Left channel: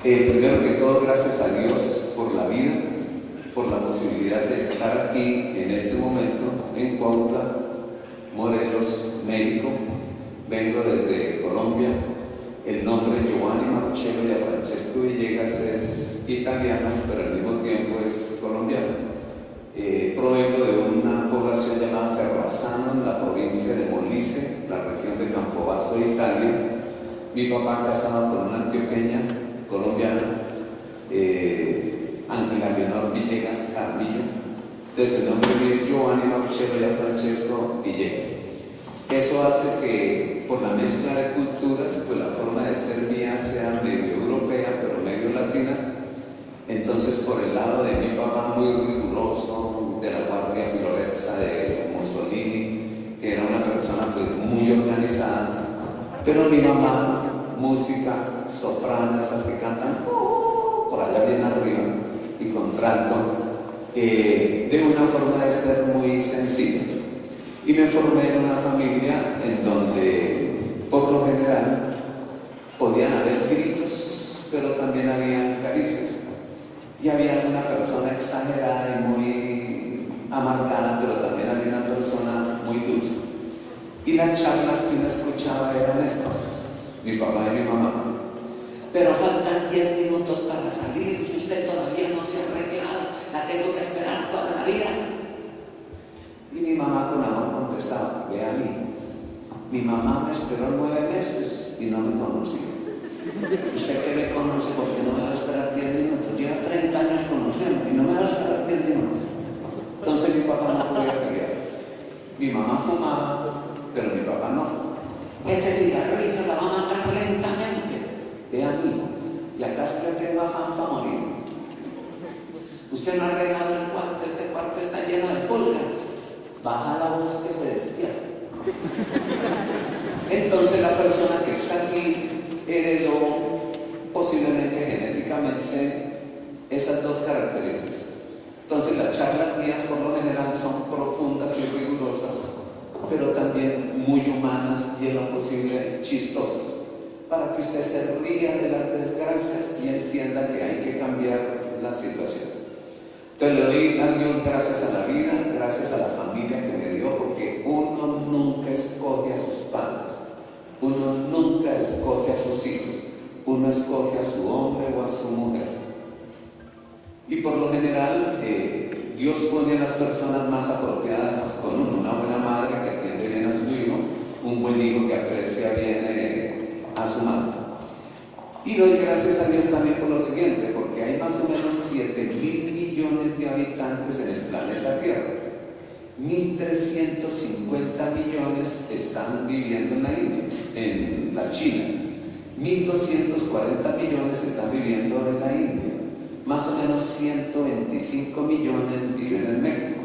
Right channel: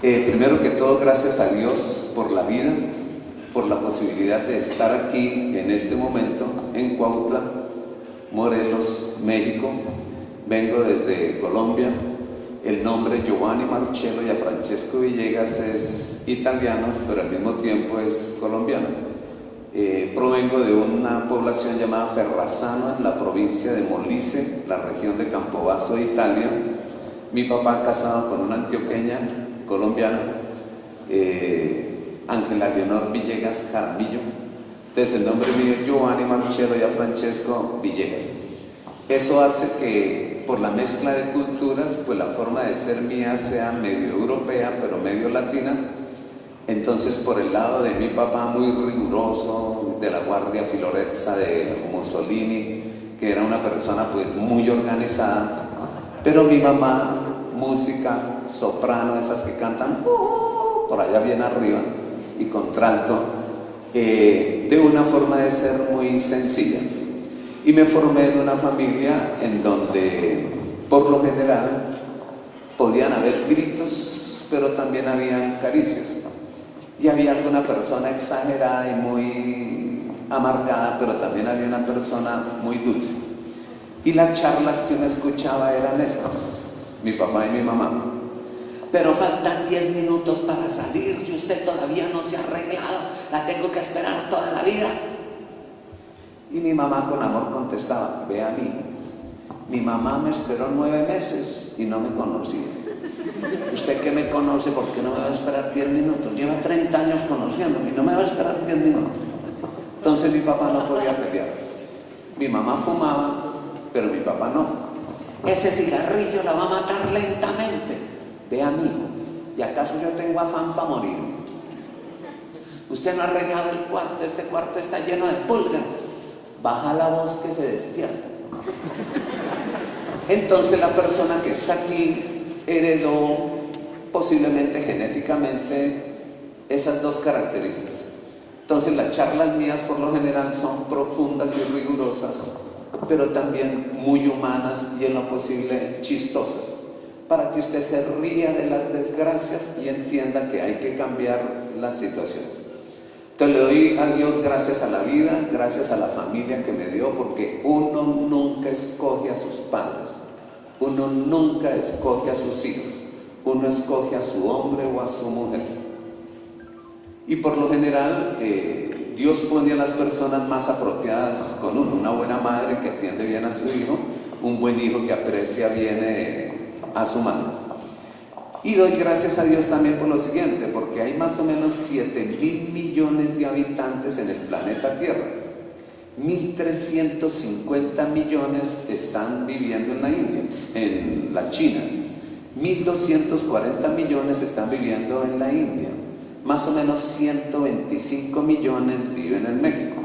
Primero que todo, gracias a Dios por la vida, por la posibilidad de estar aquí en este momento en Cuautla, Morelos, México. Vengo desde Colombia. El nombre Giovanni Marcello Gianfrancesco Villegas es italiano, pero al mismo tiempo es colombiano. Provengo de una población llamada Ferrazzano, en la provincia de Molise, la región de Campobasso de Italia. Mi papá casado con una antioqueña colombiana, Ángela Leonor Villegas Jaramillo. Entonces el nombre mío es Giovanni Marcello Gianfrancesco Villegas. Eso hace que por la mezcla de culturas, pues la forma de ser mía sea medio europea, pero medio latina. Entonces por el lado de mi papá, muy riguroso, de la Guardia Filorezza de Mussolini, que era una persona pues muy organizada, pero mi mamá, música, soprano, esas que cantan por allá bien arriba y contralto, de una forma de ser muy sencilla. Y me formé en una familia en donde por lo general podían haber gritos, pero también habían caricias. Y había alguna persona exagerada y muy amargada, pero también había una persona muy dulce. Y las charlas que uno escuchaba eran estas, mi papá y mi mamá. Pero faltan 10 minutos para salir y usted todavía no se ha arreglado, la tengo que esperar toda la vida. Y mi mamá con amor contestaba, ve a mí, mi mamá me esperó 9 meses y no me conocía. Usted que me conoce, ¿por qué no me va a esperar 10 minutos? Lleva 30 años conociéndome y no me va a esperar 10 minutos. Entonces mi papá no podía pelear. Mi mamá fumaba, pero mi papá no. Ese cigarrillo la va a matar lentamente. Ve amigo, ¿y acaso yo tengo afán para morir? Usted no ha arreglado el cuarto, este cuarto está lleno de pulgas. Baja la voz que se despierta. Entonces la persona que está aquí heredó posiblemente genéticamente esas dos características. Entonces las charlas mías por lo general son profundas y rigurosas, pero también muy humanas y en lo posible chistosas, para que usted se ría de las desgracias y entienda que hay que cambiar las situaciones. Entonces le doy a Dios gracias a la vida, gracias a la familia que me dio, porque uno nunca escoge a sus padres, uno nunca escoge a sus hijos, uno escoge a su hombre o a su mujer. Y por lo general Dios pone a las personas más apropiadas con uno, una buena madre que atiende bien a su hijo, un buen hijo que aprecia bien a su madre. Y doy gracias a Dios también por lo siguiente, porque hay más o menos 7.000 millones de habitantes en el planeta Tierra. 1.350 millones están viviendo en la India, en la China. 1.240 millones están viviendo en la India. Más o menos 125 millones viven en México.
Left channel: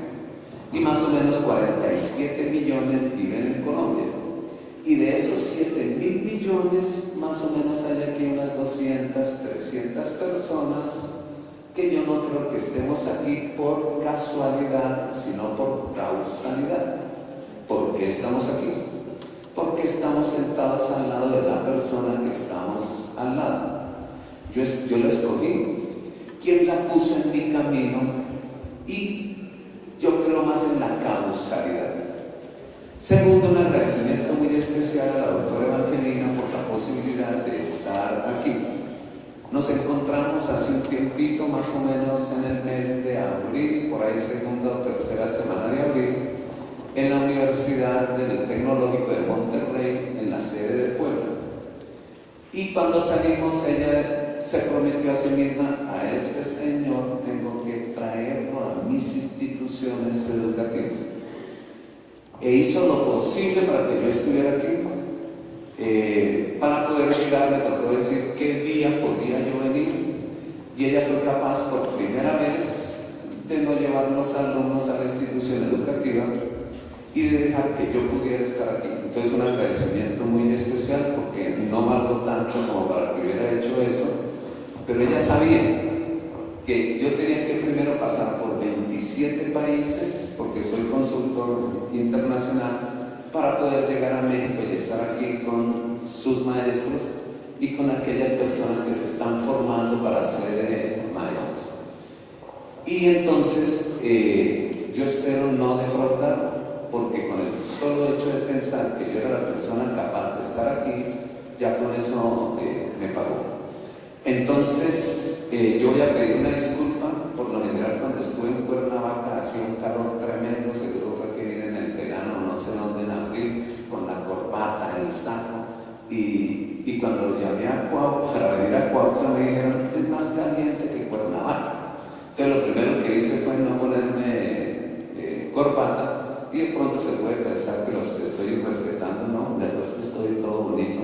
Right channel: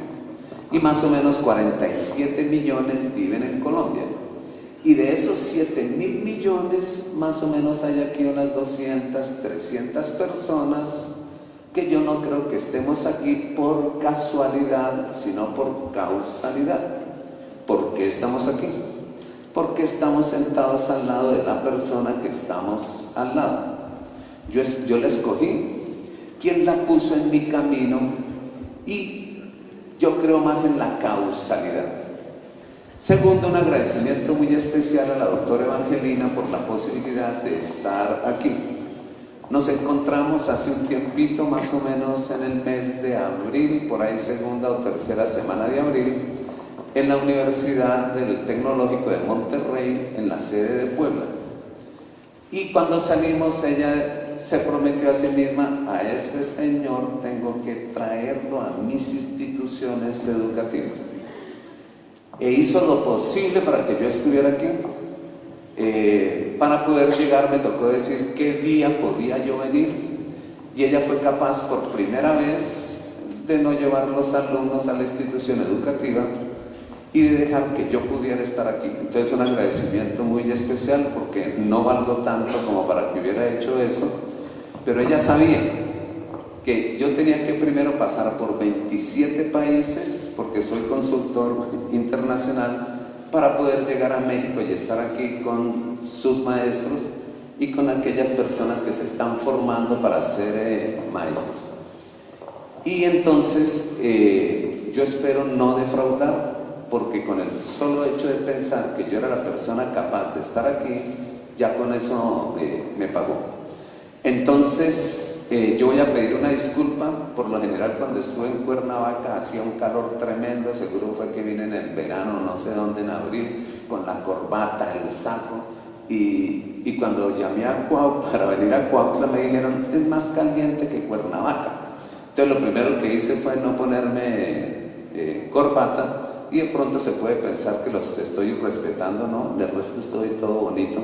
Y más o menos 47 millones viven en Colombia. Y de esos 7.000 millones, más o menos hay aquí unas 200, 300 personas que yo no creo que estemos aquí por casualidad, sino por causalidad. ¿Por qué estamos aquí? Porque estamos sentados al lado de la persona que estamos al lado. Yo la escogí. ¿Quién la puso en mi camino? Y yo creo más en la causalidad. Segundo, un agradecimiento muy especial a la doctora Evangelina por la posibilidad de estar aquí. Nos encontramos hace un tiempito, más o menos en el mes de abril, por ahí segunda o tercera semana de abril, en la Universidad del Tecnológico de Monterrey, en la sede de Puebla. Y cuando salimos, ella se prometió a sí misma, a ese señor tengo que traerlo a mis instituciones educativas. E hizo lo posible para que yo estuviera aquí. Para poder llegar me tocó decir qué día podía yo venir, y ella fue capaz por primera vez de no llevar los alumnos a la institución educativa y de dejar que yo pudiera estar aquí. Entonces un agradecimiento muy especial, porque no valgo tanto como para que hubiera hecho eso, pero ella sabía que yo tenía que primero pasar por 27 países, porque soy consultor internacional, para poder llegar a México y estar aquí con sus maestros y con aquellas personas que se están formando para ser maestros. Y entonces yo espero no defraudar, porque con el solo hecho de pensar que yo era la persona capaz de estar aquí, ya con eso me pagó. Entonces yo voy a pedir una disculpa. Por lo general, cuando estuve en Cuernavaca hacía un calor tremendo, seguro fue que vine en el verano, no sé dónde, en abril, con la corbata, el saco, y cuando llamé a Cuautla, para venir a Cuautla, me dijeron, es más caliente que Cuernavaca. Entonces lo primero que hice fue no ponerme corbata, y de pronto se puede pensar que los estoy respetando, ¿no? De resto estoy todo bonito.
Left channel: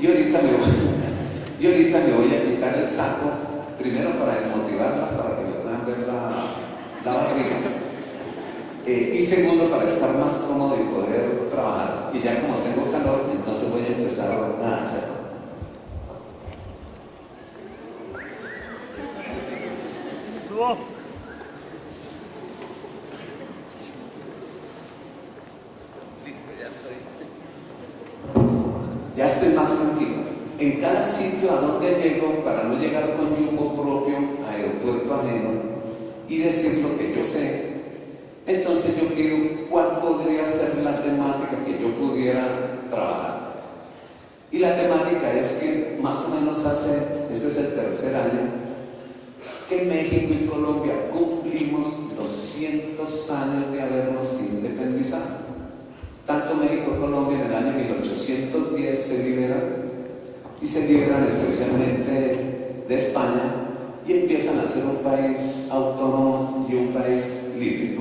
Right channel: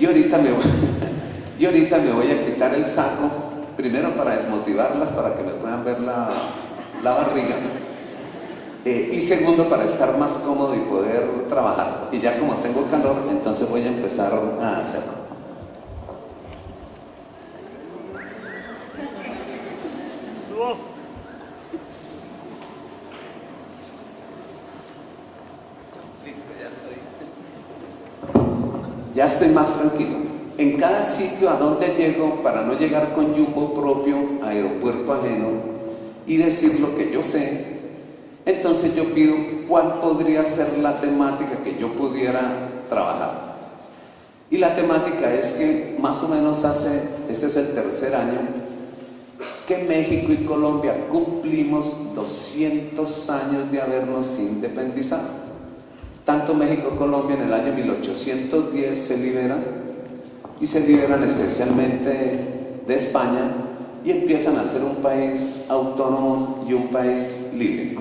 Y ahorita me voy a quitar el saco, primero para desmotivarlas, para que me puedan ver la barriga, y segundo para estar más cómodo y poder trabajar. Y ya como tengo calor, entonces voy a empezar a hacerlo. Listo, ya estoy más tranquilo. En cada sitio a donde llego, para no llegar con yugo propio a aeropuerto ajeno y decir lo que yo sé, entonces yo pido cuál podría ser la temática que yo pudiera trabajar. Y la temática es que más o menos este es el tercer año, que México y Colombia cumplimos 200 años de habernos independizado. Tanto México como Colombia en el año 1810 se liberan, y se liberan especialmente de España y empiezan a ser un país autónomo y un país libre.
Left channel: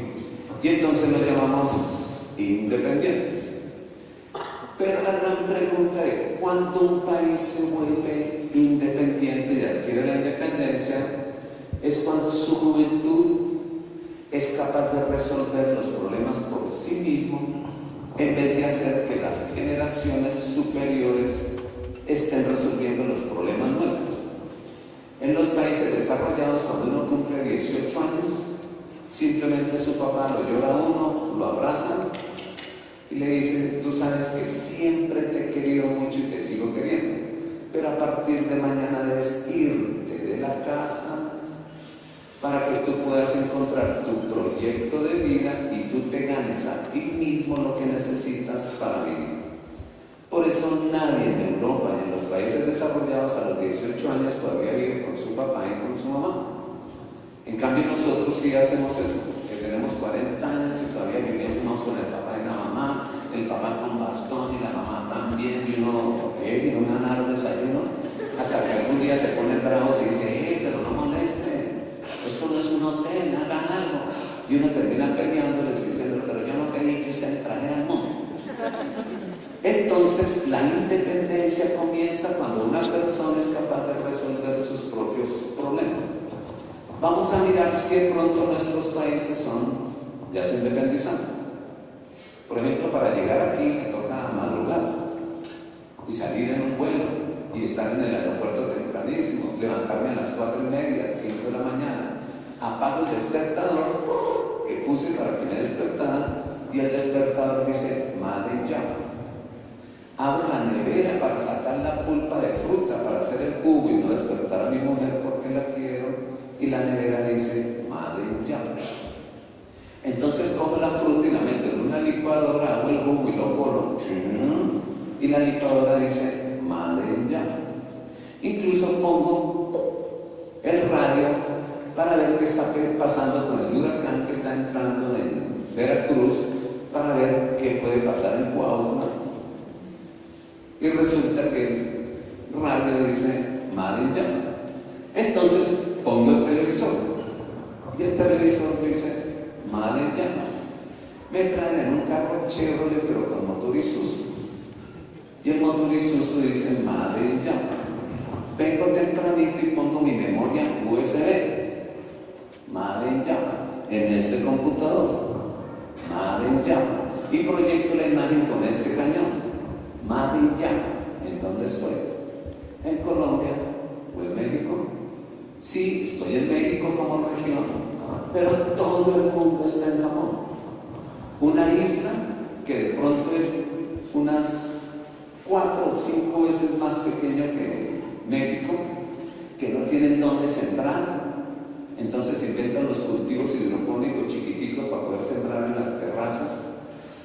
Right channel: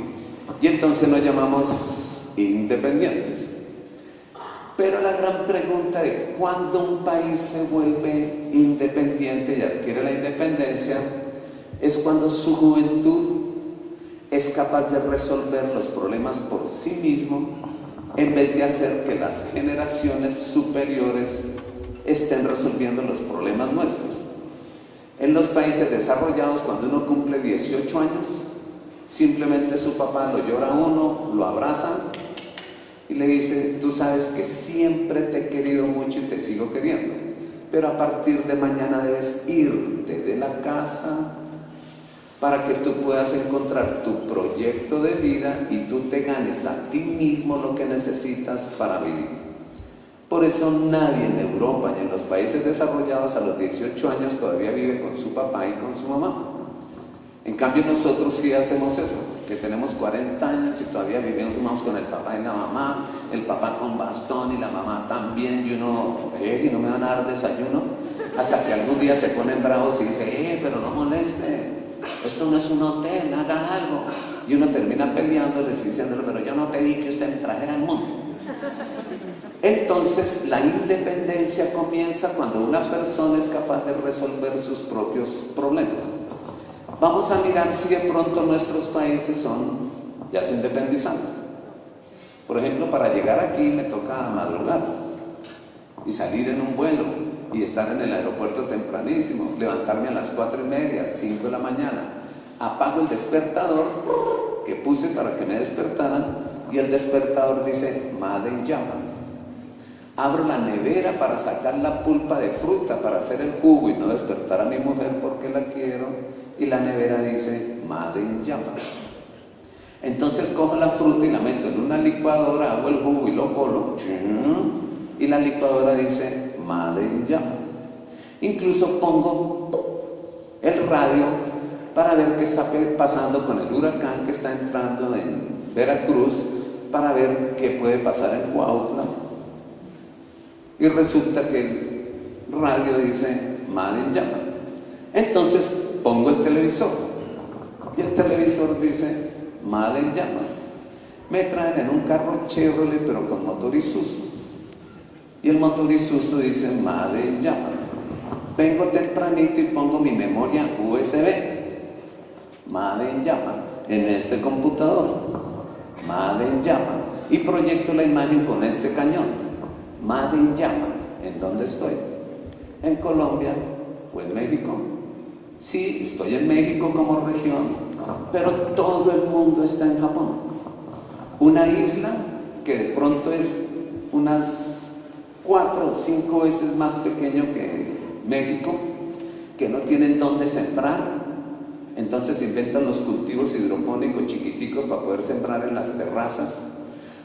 Y entonces nos llamamos independientes. Pero la gran pregunta de cuándo un país se vuelve independiente y adquiere la independencia es cuando su juventud es capaz de resolver los problemas por sí mismo, en vez de hacer que las generaciones superiores estén resolviendo los problemas nuestros. En los países desarrollados, cuando uno cumple 18 años, simplemente su papá lo llora a uno, lo abraza y le dice, tú sabes que siempre te he querido mucho y te sigo queriendo, pero a partir de mañana debes irte de la casa para que tú puedas encontrar tu proyecto de vida y tú te ganes a ti mismo lo que necesitas para vivir. Por eso nadie en Europa y en los países desarrollados a los 18 años todavía vive con su papá y con su mamá. En cambio nosotros sí hacemos eso, que tenemos 40 años y todavía vivimos con el papá y la mamá, el papá con bastón y la mamá también, y uno, y no me van a dar desayuno, hasta que algún día se ponen bravos y dice, pero no moleste, esto no es un hotel, haga algo. Y uno termina peleándoles y diciéndole, pero yo no pedí que usted me trajera al mundo. Entonces la independencia comienza cuando una persona es capaz de resolver sus propios problemas. Vamos a mirar si de pronto nuestros países ya se independizan. Por ejemplo, para llegar aquí me toca madrugar y salir en un vuelo y estar en el aeropuerto tempranísimo, levantarme a las 4:30, 5 de la mañana, apago el despertador que puse para que me despertaran y el despertador dice Made in Japan. Abro la nevera para sacar la pulpa de fruta para hacer el jugo y no despertar a mi mujer porque la quiero, y la nevera dice Made in Japan. Entonces cojo la fruta y la meto en una licuadora, hago el jugo y lo colo, y la licuadora dice Made in Japan. Incluso pongo el radio para ver qué está pasando con el huracán que está entrando en Veracruz, para ver qué puede pasar en Cuautla. Y resulta que el radio dice Made in Japan. Entonces pongo el televisor y el televisor dice Made in Japan. Me traen en un carro Chevrolet pero con motor Isuzu, y el motor Isuzu dice Made in Japan. Vengo tempranito y pongo mi memoria USB, Made in Japan, en este computador, Made in Japan, y proyecto la imagen con este cañón, Made in Japan. ¿En dónde estoy? ¿En Colombia o en México? Sí, estoy en México como región, pero todo el mundo está en Japón. Una isla que de pronto es unas 4 o 5 veces más pequeño que México, que no tienen dónde sembrar. Entonces inventan los cultivos hidropónicos chiquiticos para poder sembrar en las terrazas.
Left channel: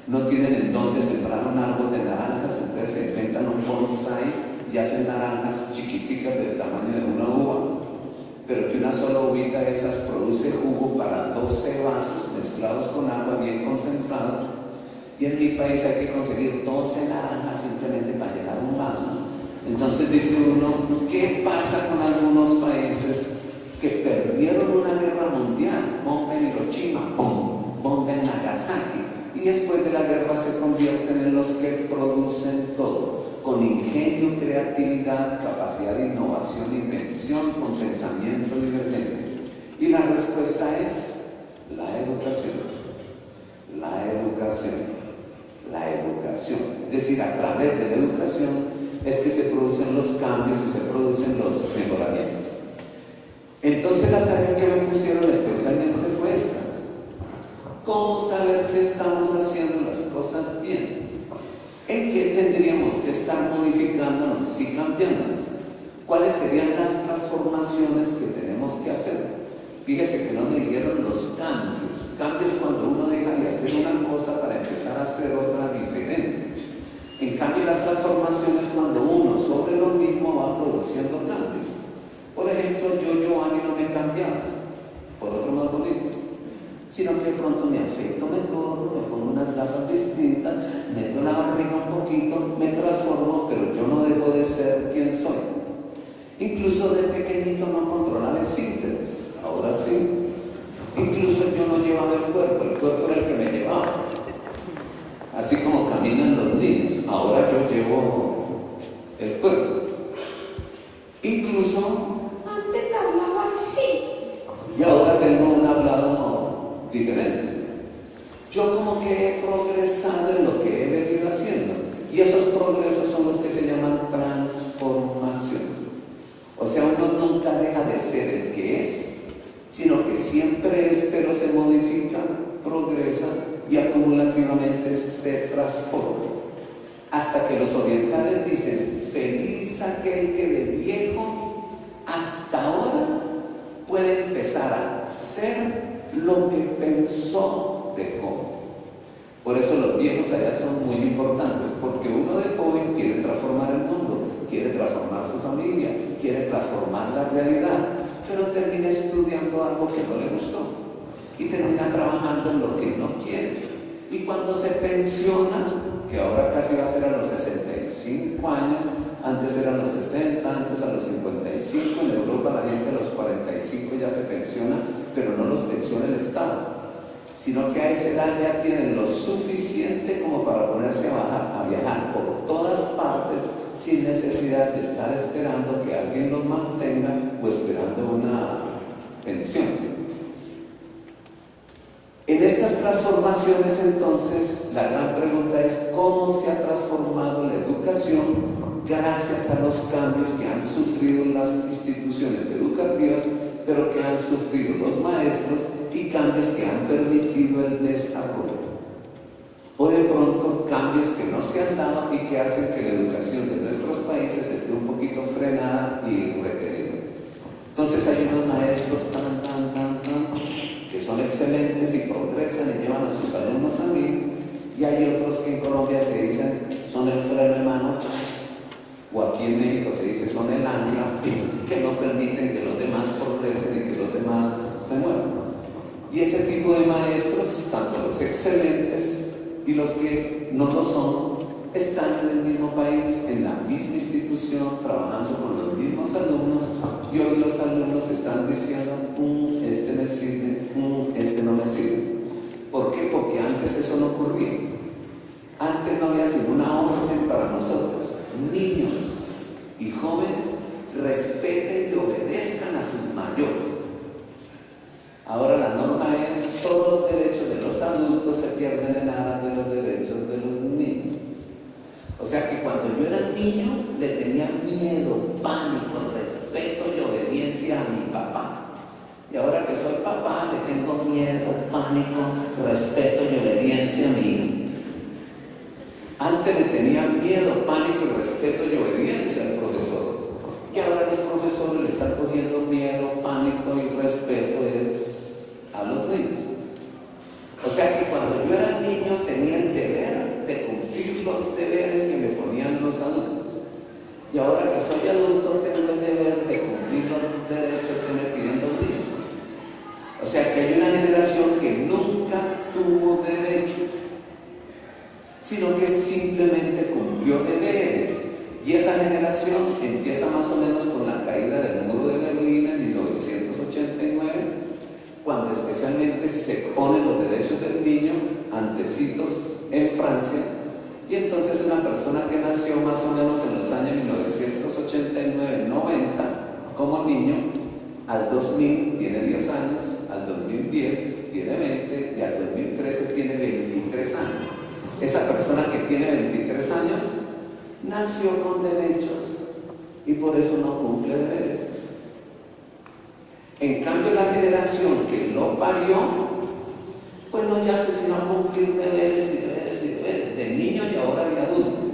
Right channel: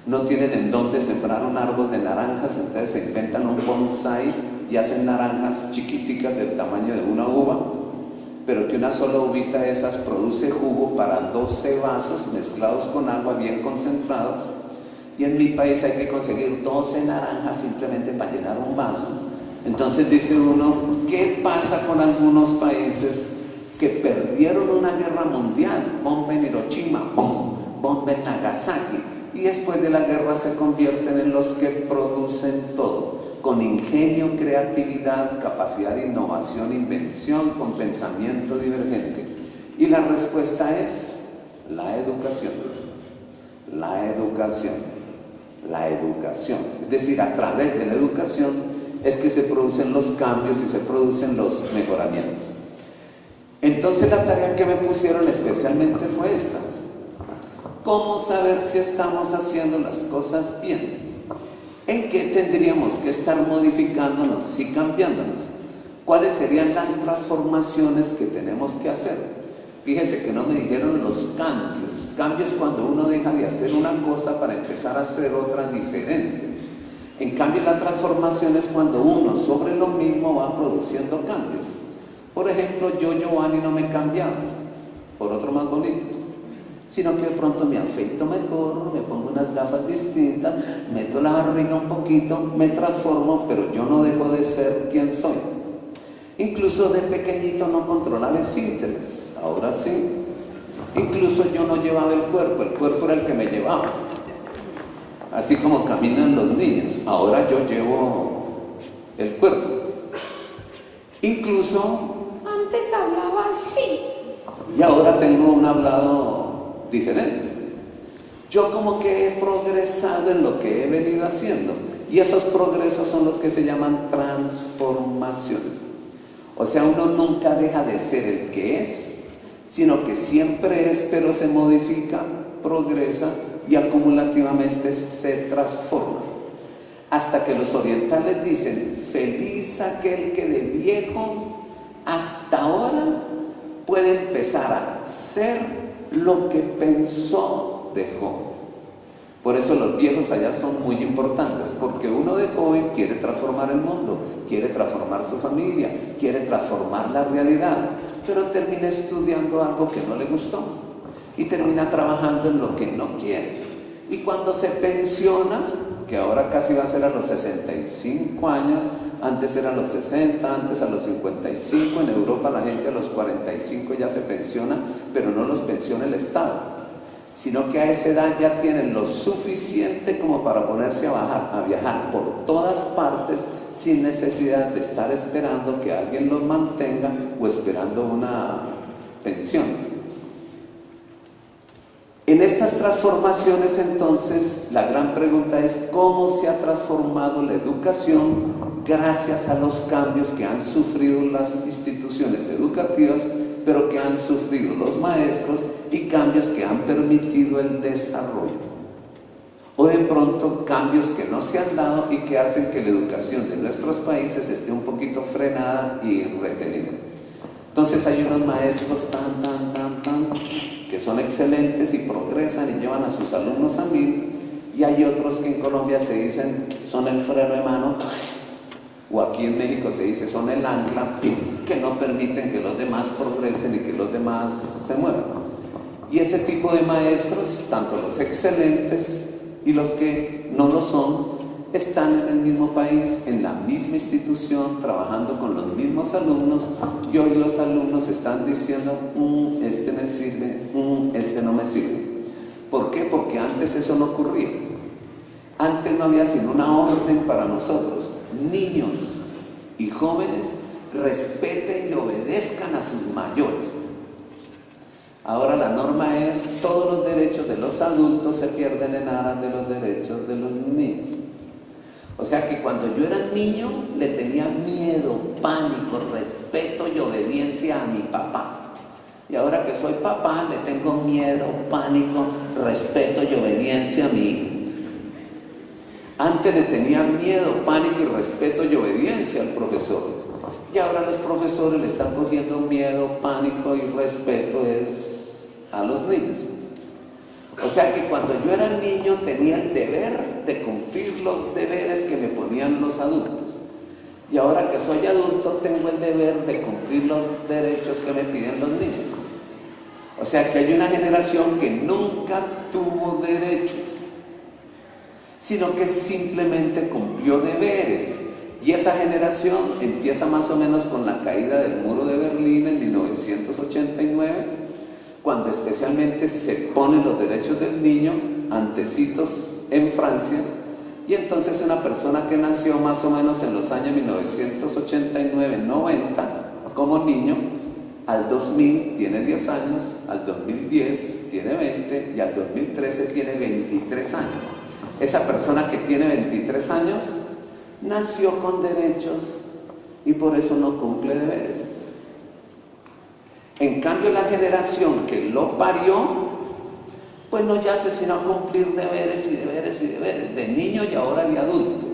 No tienen en dónde sembrar un árbol de naranjas, entonces se inventan un bonsái y hacen naranjas chiquiticas del tamaño de una uva, pero que una sola uvita de esas produce jugo para 12 vasos mezclados con agua bien concentrados. Y en mi país hay que conseguir 12 naranjas simplemente para llenar un vaso. Entonces dice uno, ¿qué pasa con algunos países que perdieron una guerra mundial? Bomba en Hiroshima, bomba en Nagasaki, y después de la guerra se convierten en los que producen todo, con ingenio, creatividad, capacidad de innovación, invención, con pensamiento divergente. Y la respuesta es la educación, la educación, la educación. Es decir, a través de la educación es que se producen los cambios y se producen los mejoramientos. Entonces la tarea que me pusieron especialmente fue esta: ¿cómo saber si estamos haciendo las cosas bien? ¿En qué tendríamos que estar modificándonos y cambiándonos? ¿Cuáles serían las transformaciones que tenemos que hacer? Fíjese que no me dijeron los cambios. Cambios cuando uno deja de hacer una cosa para empezar a hacer otra diferente. En cambio, la transformación es cuando uno sobre lo mismo va produciendo cambios. Por ejemplo, yo, Giovanni, no me he cambiado por otro más bonito, sino que de pronto me afeito mejor, me pongo unas gafas distintas, meto la barriga un poquito, me transformo, pero yo no dejo de ser quien soy. Incluso de pequeñito no controlaba esfínteres, ahora sí. Incluso yo no llevaba el cuerpo era el que me llevaba. Así como caminan los niños, ahora yo llevo el cuerpo. Incluso antes hablaba así y ahora tengo un hablado diferente. Yo como que he progresado en lo que he venido haciendo, y esos progresos son los que se llaman transformaciones. O sea, uno nunca deja de ser el que es, sino que siempre es, pero se modifica, progresa y acumulativamente se transforma. Hasta que los orientales dicen, feliz aquel que de viejo hasta ahora puede empezar a ser lo que pensó de joven. Por eso los viejos allá son muy importantes, porque uno de joven quiere transformar el mundo, quiere transformar su familia, quiere transformar la realidad, pero termina estudiando algo que no le gustó y termina trabajando en lo que no quiere. Y cuando se pensiona, que ahora casi va a ser a los 65 años, antes era a los 60, antes a los 55, en Europa la gente a los 45 ya se pensiona, pero no los pensiona el Estado, sino que a esa edad ya tienen lo suficiente como para ponerse a viajar por todas partes sin necesidad de estar esperando que alguien los mantenga o esperando una pensión. En estas transformaciones, entonces, la gran pregunta es ¿cómo se ha transformado la educación gracias a los cambios que han sufrido las instituciones educativas, pero que han sufrido los maestros, y cambios que han permitido el desarrollo? O de pronto cambios que no se han dado y que hacen que la educación de nuestros países esté un poquito frenada y retenida. Entonces hay unos maestros que son excelentes y progresan y llevan a sus alumnos a 1000, y hay otros que en Colombia se dicen son el freno de mano, o aquí en México se dice son el ancla, que no permiten que los demás progresen y que los demás se muevan. Y ese tipo de maestros, tanto los excelentes y los que no lo son, están en el mismo país, en la misma institución, trabajando con los mismos alumnos, y hoy los alumnos están diciendo, este me sirve, este no me sirve. ¿Por qué? Porque antes eso no ocurría. Antes no había sino una orden para nosotros: niños y jóvenes, respeten y obedezcan a sus mayores. Ahora la norma es, todos los derechos de los adultos se pierden en aras de los derechos de los niños. O sea que cuando yo era niño le tenía miedo, pánico, respeto y obediencia a mi papá. Y ahora que soy papá le tengo miedo, pánico, respeto y obediencia a mi hijo. Antes le tenían miedo, pánico y respeto y obediencia al profesor. Y ahora los profesores le están cogiendo miedo, pánico y respeto a los niños. O sea que cuando yo era niño tenía el deber de cumplir los deberes que me ponían los adultos. Y ahora que soy adulto tengo el deber de cumplir los derechos que me piden los niños. O sea que hay una generación que nunca tuvo derechos, sino que simplemente cumplió deberes. Y esa generación empieza más o menos con la caída del muro de Berlín en 1989, cuando especialmente se ponen los derechos del niño antecitos en Francia. Y entonces una persona que nació más o menos en los años 1989-90 como niño, al 2000 tiene 10 años, al 2010 tiene 20 y al 2013 tiene 23 años. Esa persona que tiene 23 años nació con derechos y por eso no cumple deberes. En cambio, la generación que lo parió, pues no ya se sino cumplir deberes y deberes y deberes, de niño y ahora de adulto.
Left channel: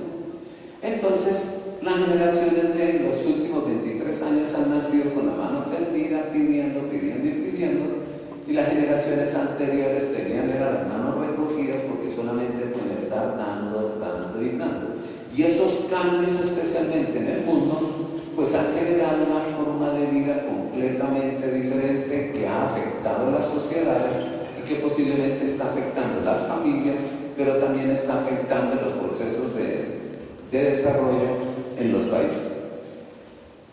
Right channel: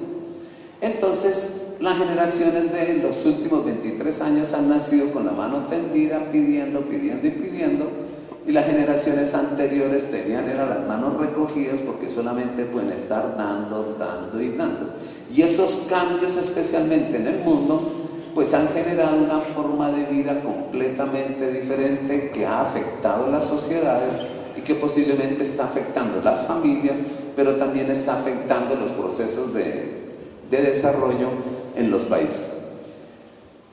Entonces, las generaciones de los últimos 23 años han nacido con la mano tendida, pidiendo, pidiendo y pidiendo, y las generaciones anteriores tenían las manos recogidas porque solamente pueden estar dando, dando y dando. Y esos cambios, especialmente en el mundo, pues han generado una forma de vida completamente diferente que ha afectado a las sociedades y que posiblemente está afectando a las familias, pero también está afectando los procesos de desarrollo en los países.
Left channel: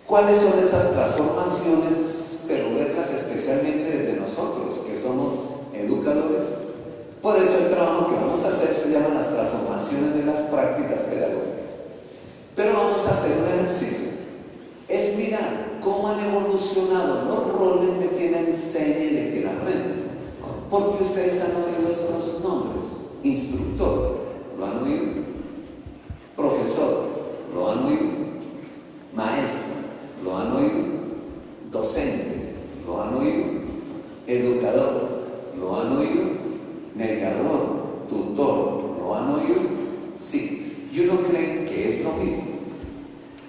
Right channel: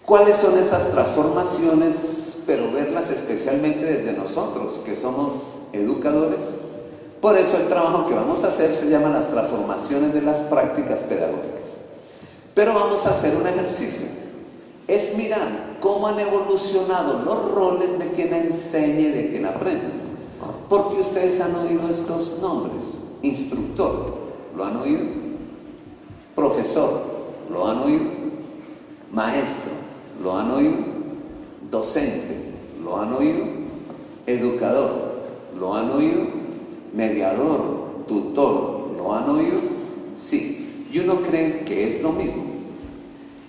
¿Cuáles son esas transformaciones? Pero verlas especialmente desde nosotros, que somos educadores. Por eso el trabajo que vamos a hacer se llama las transformaciones de las prácticas pedagógicas. Pero vamos a hacer un ejercicio. Es mirar cómo han evolucionado los roles de quien enseña y de quien aprende. Porque ustedes han oído estos nombres. Instructor, ¿lo han oído? Profesor, ¿lo han oído? Maestro, ¿lo han oído? Docente, ¿lo han oído? Educador, ¿lo han oído? Mediador, tutor, ¿lo han oído? Sí, y uno cree que es lo mismo.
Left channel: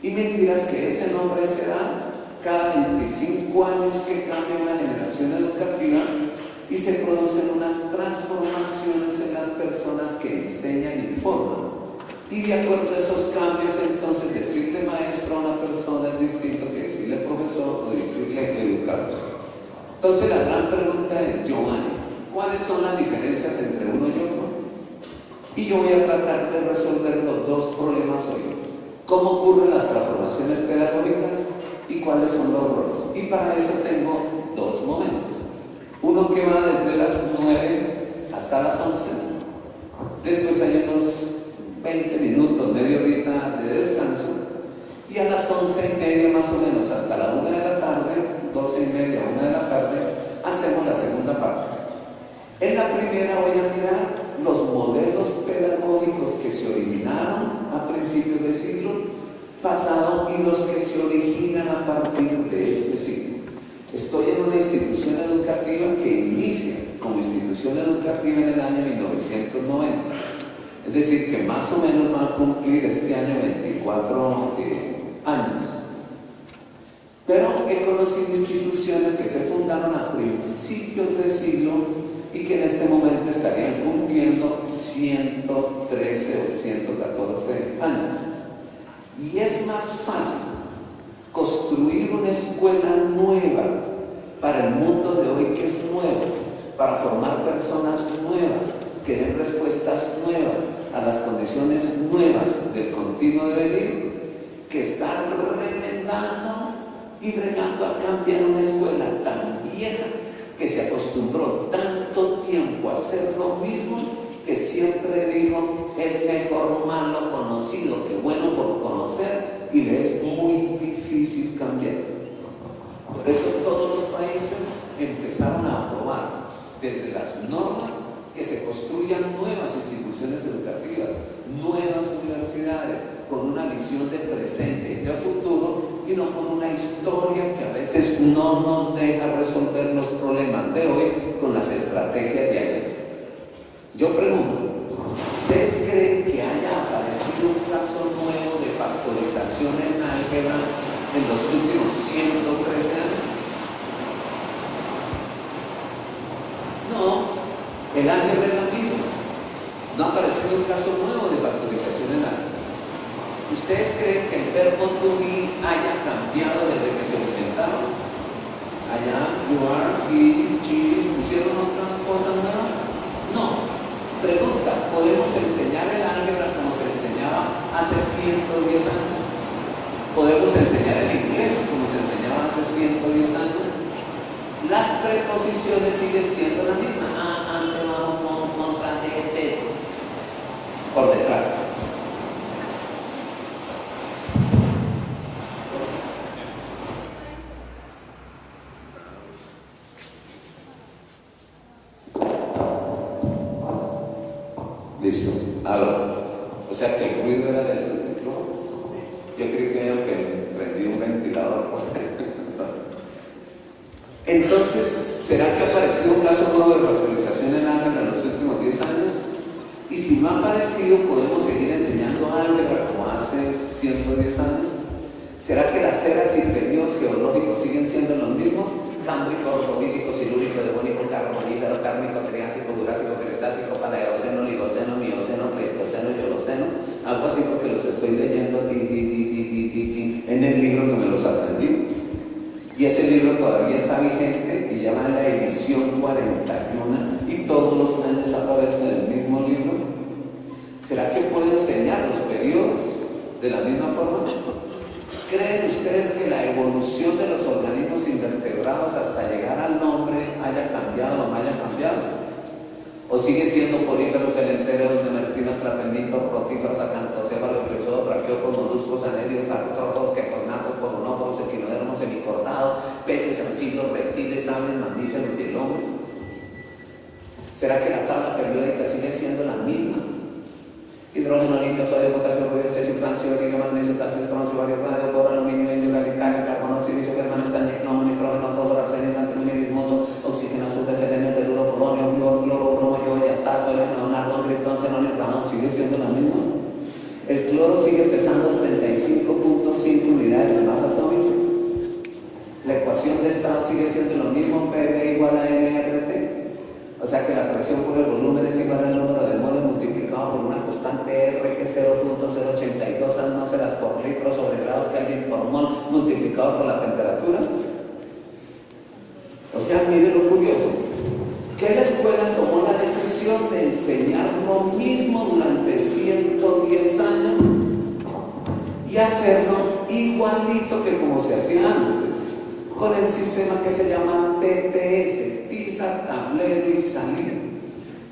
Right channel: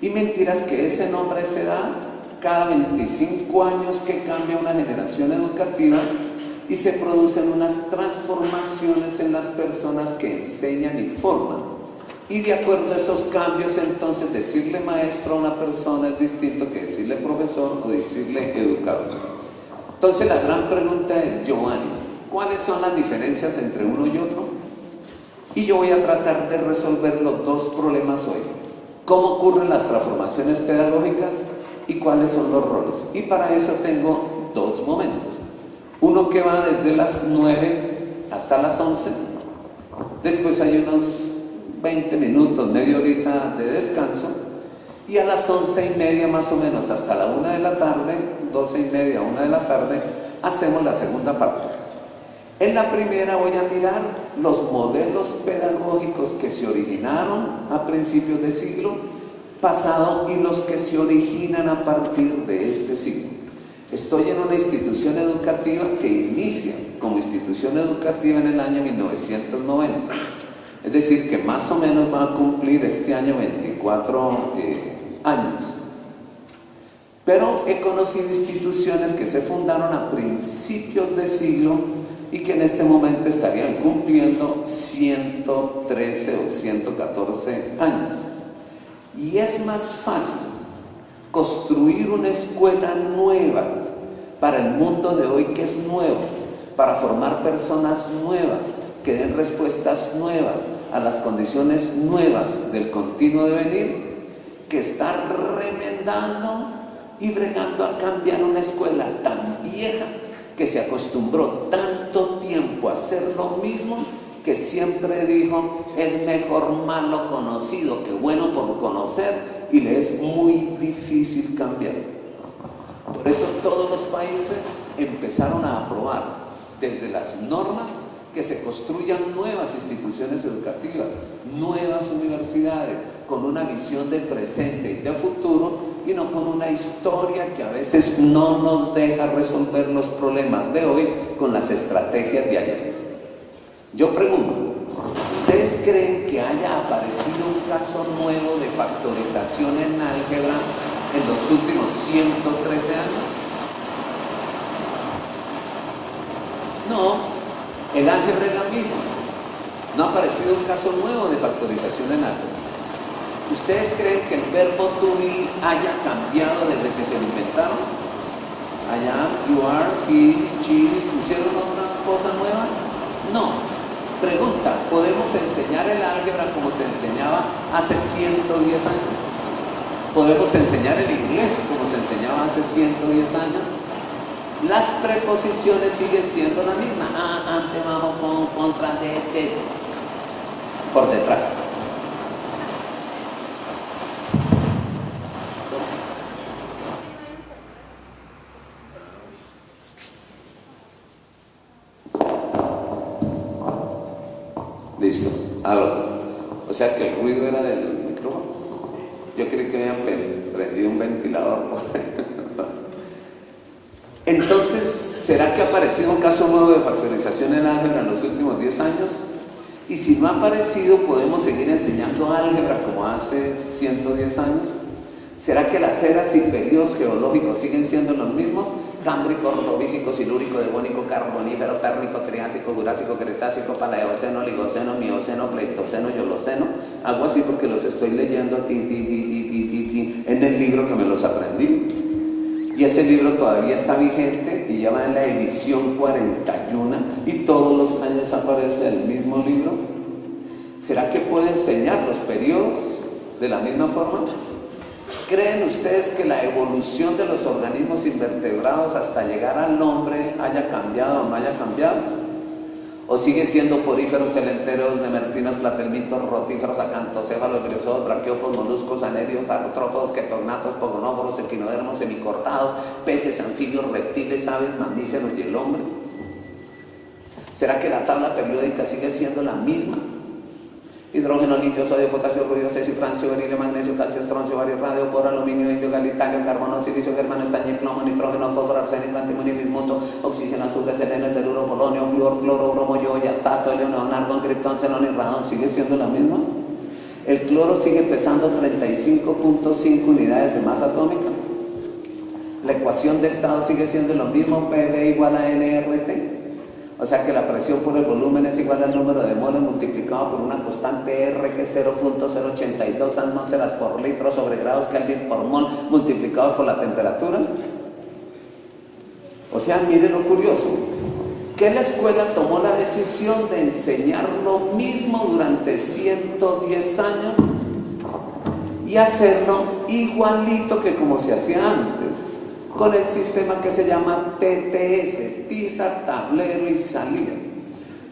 Y mentiras que ese nombre se da cada 25 años que cambia una generación educativa y se producen unas transformaciones en las personas que enseñan y forman. Y de acuerdo a esos cambios, entonces decirle maestro a una persona es distinto que decirle profesor o decirle educador. Entonces la gran pregunta es, Giovanni, ¿cuáles son las diferencias entre uno y otro? Y yo voy a tratar de resolver los dos problemas hoy. ¿Cómo ocurren las transformaciones pedagógicas y cuáles son los roles? Y para eso tengo dos momentos. Uno que va desde las 9 hasta las 11. Después hay unos 20 minutos, media horita de descanso. Y a las 11:30 más o menos hasta la 1 de la tarde, 12:30, 1 de la tarde, hacemos la segunda parte. En la primera voy a mirar los modelos pedagógicos que se originaron a principios del siglo pasado y los que se originan a partir de este siglo. Estoy en una institución educativa que inicia como institución educativa en el año 1990. Es decir, que más o menos va a cumplir este año 24 años. Pero he conocido instituciones que se fundaron a principios de siglo y que en este momento estarían cumpliendo 113 o 114 años. Y es más fácil construir una escuela nueva para el mundo de hoy que es nuevo, para formar personas nuevas, que den respuestas nuevas a las condiciones nuevas del continuo devenir, que estar remendando y bregando a cambiar una escuela tan vieja que se acostumbró tanto tiempo a hacer lo mismo, que siempre dijo, es mejor malo conocido que bueno por conocer, y le es muy difícil cambiar. Por eso todos los países empezaron a aprobar desde las normas que se construyan nuevas instituciones educativas, nuevas universidades, con una visión de presente y de futuro, y no con una historia que a veces no nos deja resolver los problemas de hoy con las estrategias de ayer. Yo pregunto, ¿ustedes creen que haya aparecido un caso nuevo de factorización en álgebra en los últimos 113 años? No, el álgebra es la misma. No ha aparecido un caso nuevo de factorización en álgebra. ¿Ustedes creen que el verbo to be haya cambiado desde que se lo inventaron? I am, you are, he, she, ¿pusieron otra cosa nueva? No. Pregunta, ¿podemos enseñar el álgebra como se enseñaba hace 110 años? ¿Podemos enseñar el inglés como se enseñaba hace 110 años? Las preposiciones siguen siendo la misma. Ante, bajo, con, contra, de, por detrás. Listo, algo. O sea que el ruido era del micrófono. Yo creí que habían prendido un ventilador. Entonces, ¿será que ha aparecido un caso nuevo de factorización en álgebra en los últimos 10 años? Y si no ha aparecido, ¿podemos seguir enseñando álgebra como hace 110 años? ¿Será que las eras y periodos geológicos siguen siendo los mismos? Cámbrico, ordovícico, silúrico, devónico, carbonífero, cárnico, triásico, jurásico, cretácico, paleoceno, ligoceno, mioceno, pleistoceno, yoloceno. Hago así porque los estoy leyendo en el libro que me los aprendí. Y ese libro todavía está vigente y ya va en la edición 41 y todos los años aparece el mismo libro. ¿Será que puede enseñar los periodos de la misma forma? ¿Creen ustedes que la evolución de los organismos invertebrados hasta llegar al hombre haya cambiado o no haya cambiado? ¿O sigue siendo poríferos, celenteros, demertinos, platelmitos, rotíferos, acantocéfalos, briozoos, braquiópodos, moluscos, anélidos, artrópodos, ketornatos, pogonóforos, equinodermos, semicortados, peces, anfibios, reptiles, aves, mamíferos y el hombre? ¿Será que la tabla periódica sigue siendo la misma? Hidrógeno, litio, sodio, potasio, ruido, cesio, francio, berilio, magnesio, calcio, estroncio, bario, radio, boro, aluminio, indio, galitanio, carbono, silicio, germano, estaño, plomo, nitrógeno, fósforo, arsénico, antimonio, bismuto, oxígeno, azufre, selenio, teluro, polonio, flúor, cloro, bromo, yodo, astato, helio, argón, criptón, xenón y radón. ¿Sigue siendo la misma? El cloro sigue pesando 35.5 unidades de masa atómica. La ecuación de estado sigue siendo lo mismo, PV igual a nRT. O sea que la presión por el volumen es igual al número de moles multiplicado por una constante R que es 0.082 atmósferas por litro sobre grados Kelvin por mol multiplicados por la temperatura. O sea, mire lo curioso, que la escuela tomó la decisión de enseñar lo mismo durante 110 años y hacerlo igualito que como se hacía antes, con el sistema que se llama TTS, tiza, tablero y salida.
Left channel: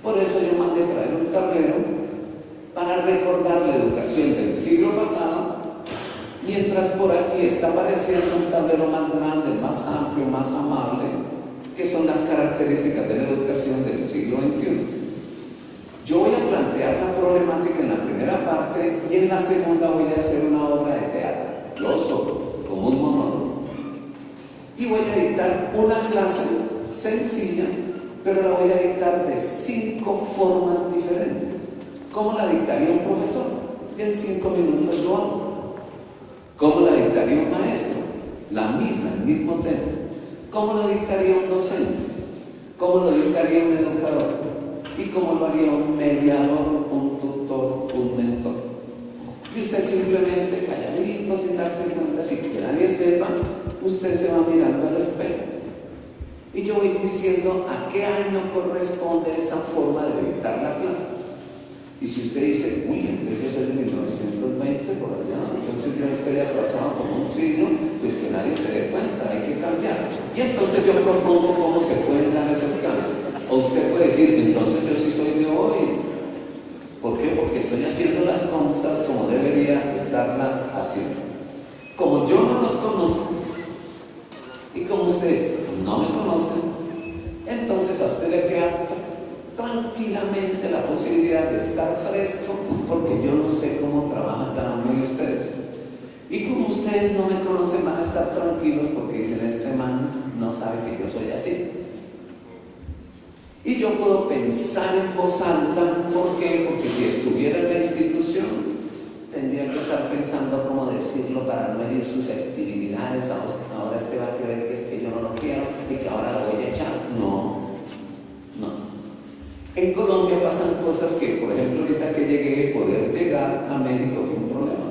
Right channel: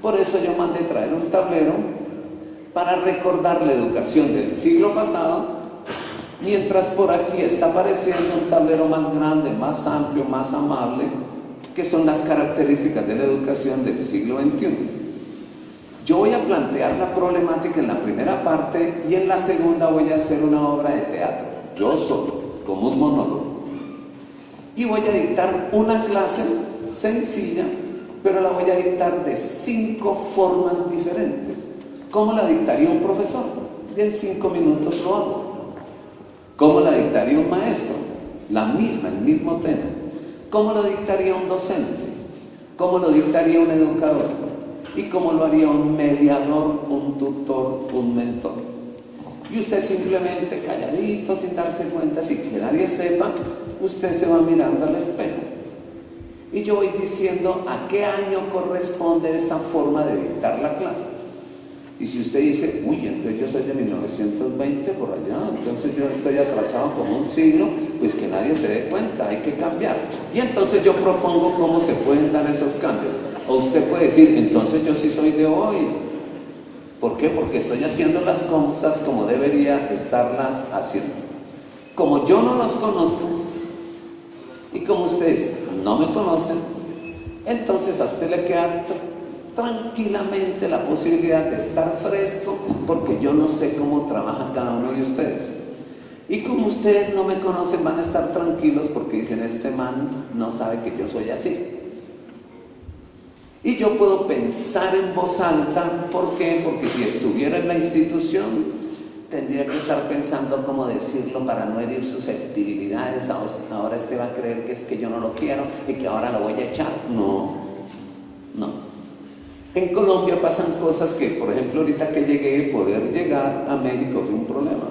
Por eso yo mandé traer un tablero para recordar la educación del siglo pasado, mientras por aquí está apareciendo un tablero más grande, más amplio, más amable, que son las características de la educación del siglo XXI. Yo voy a plantear la problemática en la primera parte y en la segunda voy a hacer una obra de teatro, yo solo, como un monólogo. Y voy a dictar una clase sencilla, pero la voy a dictar de 5 formas diferentes. ¿Cómo la dictaría un profesor? En 5 minutos lo hago. ¿Cómo la dictaría un maestro? La misma, el mismo tema. ¿Cómo lo dictaría un docente? ¿Cómo lo dictaría un educador? ¿Y cómo lo haría un mediador, un tutor, un mentor? Y usted simplemente calladito, sin darse cuenta, sin que nadie sepa, usted se va mirando al espejo. Y yo voy diciendo a qué año corresponde esa forma de dictar la clase. Y si usted dice, uy, entonces yo soy de 1920 por allá, entonces yo estoy atrasado como un siglo, pues que nadie se dé cuenta, hay que cambiar. Y entonces yo propongo cómo se pueden dar esos cambios. O usted puede decir, entonces yo sí soy de hoy. ¿Por qué? Porque estoy haciendo las cosas como debería estarlas haciendo. Como yo no los conozco y como ustedes no me conocen, entonces a usted le queda tranquilamente la posibilidad de estar fresco, porque yo no sé cómo trabaja cada uno de ustedes. Y como ustedes no me conocen, van a estar tranquilos porque dicen, este man no sabe que yo soy así. Y yo puedo pensar en voz alta. ¿Por qué? Porque si estuviera en la institución, tendría que estar pensando cómo decirlo para no herir susceptibilidades. Ahora este va a creer que es que yo no lo quiero y que ahora lo voy a echar. No, no. En Colombia pasan cosas que, por ejemplo, ahorita que llegué, poder llegar a México fue un problema.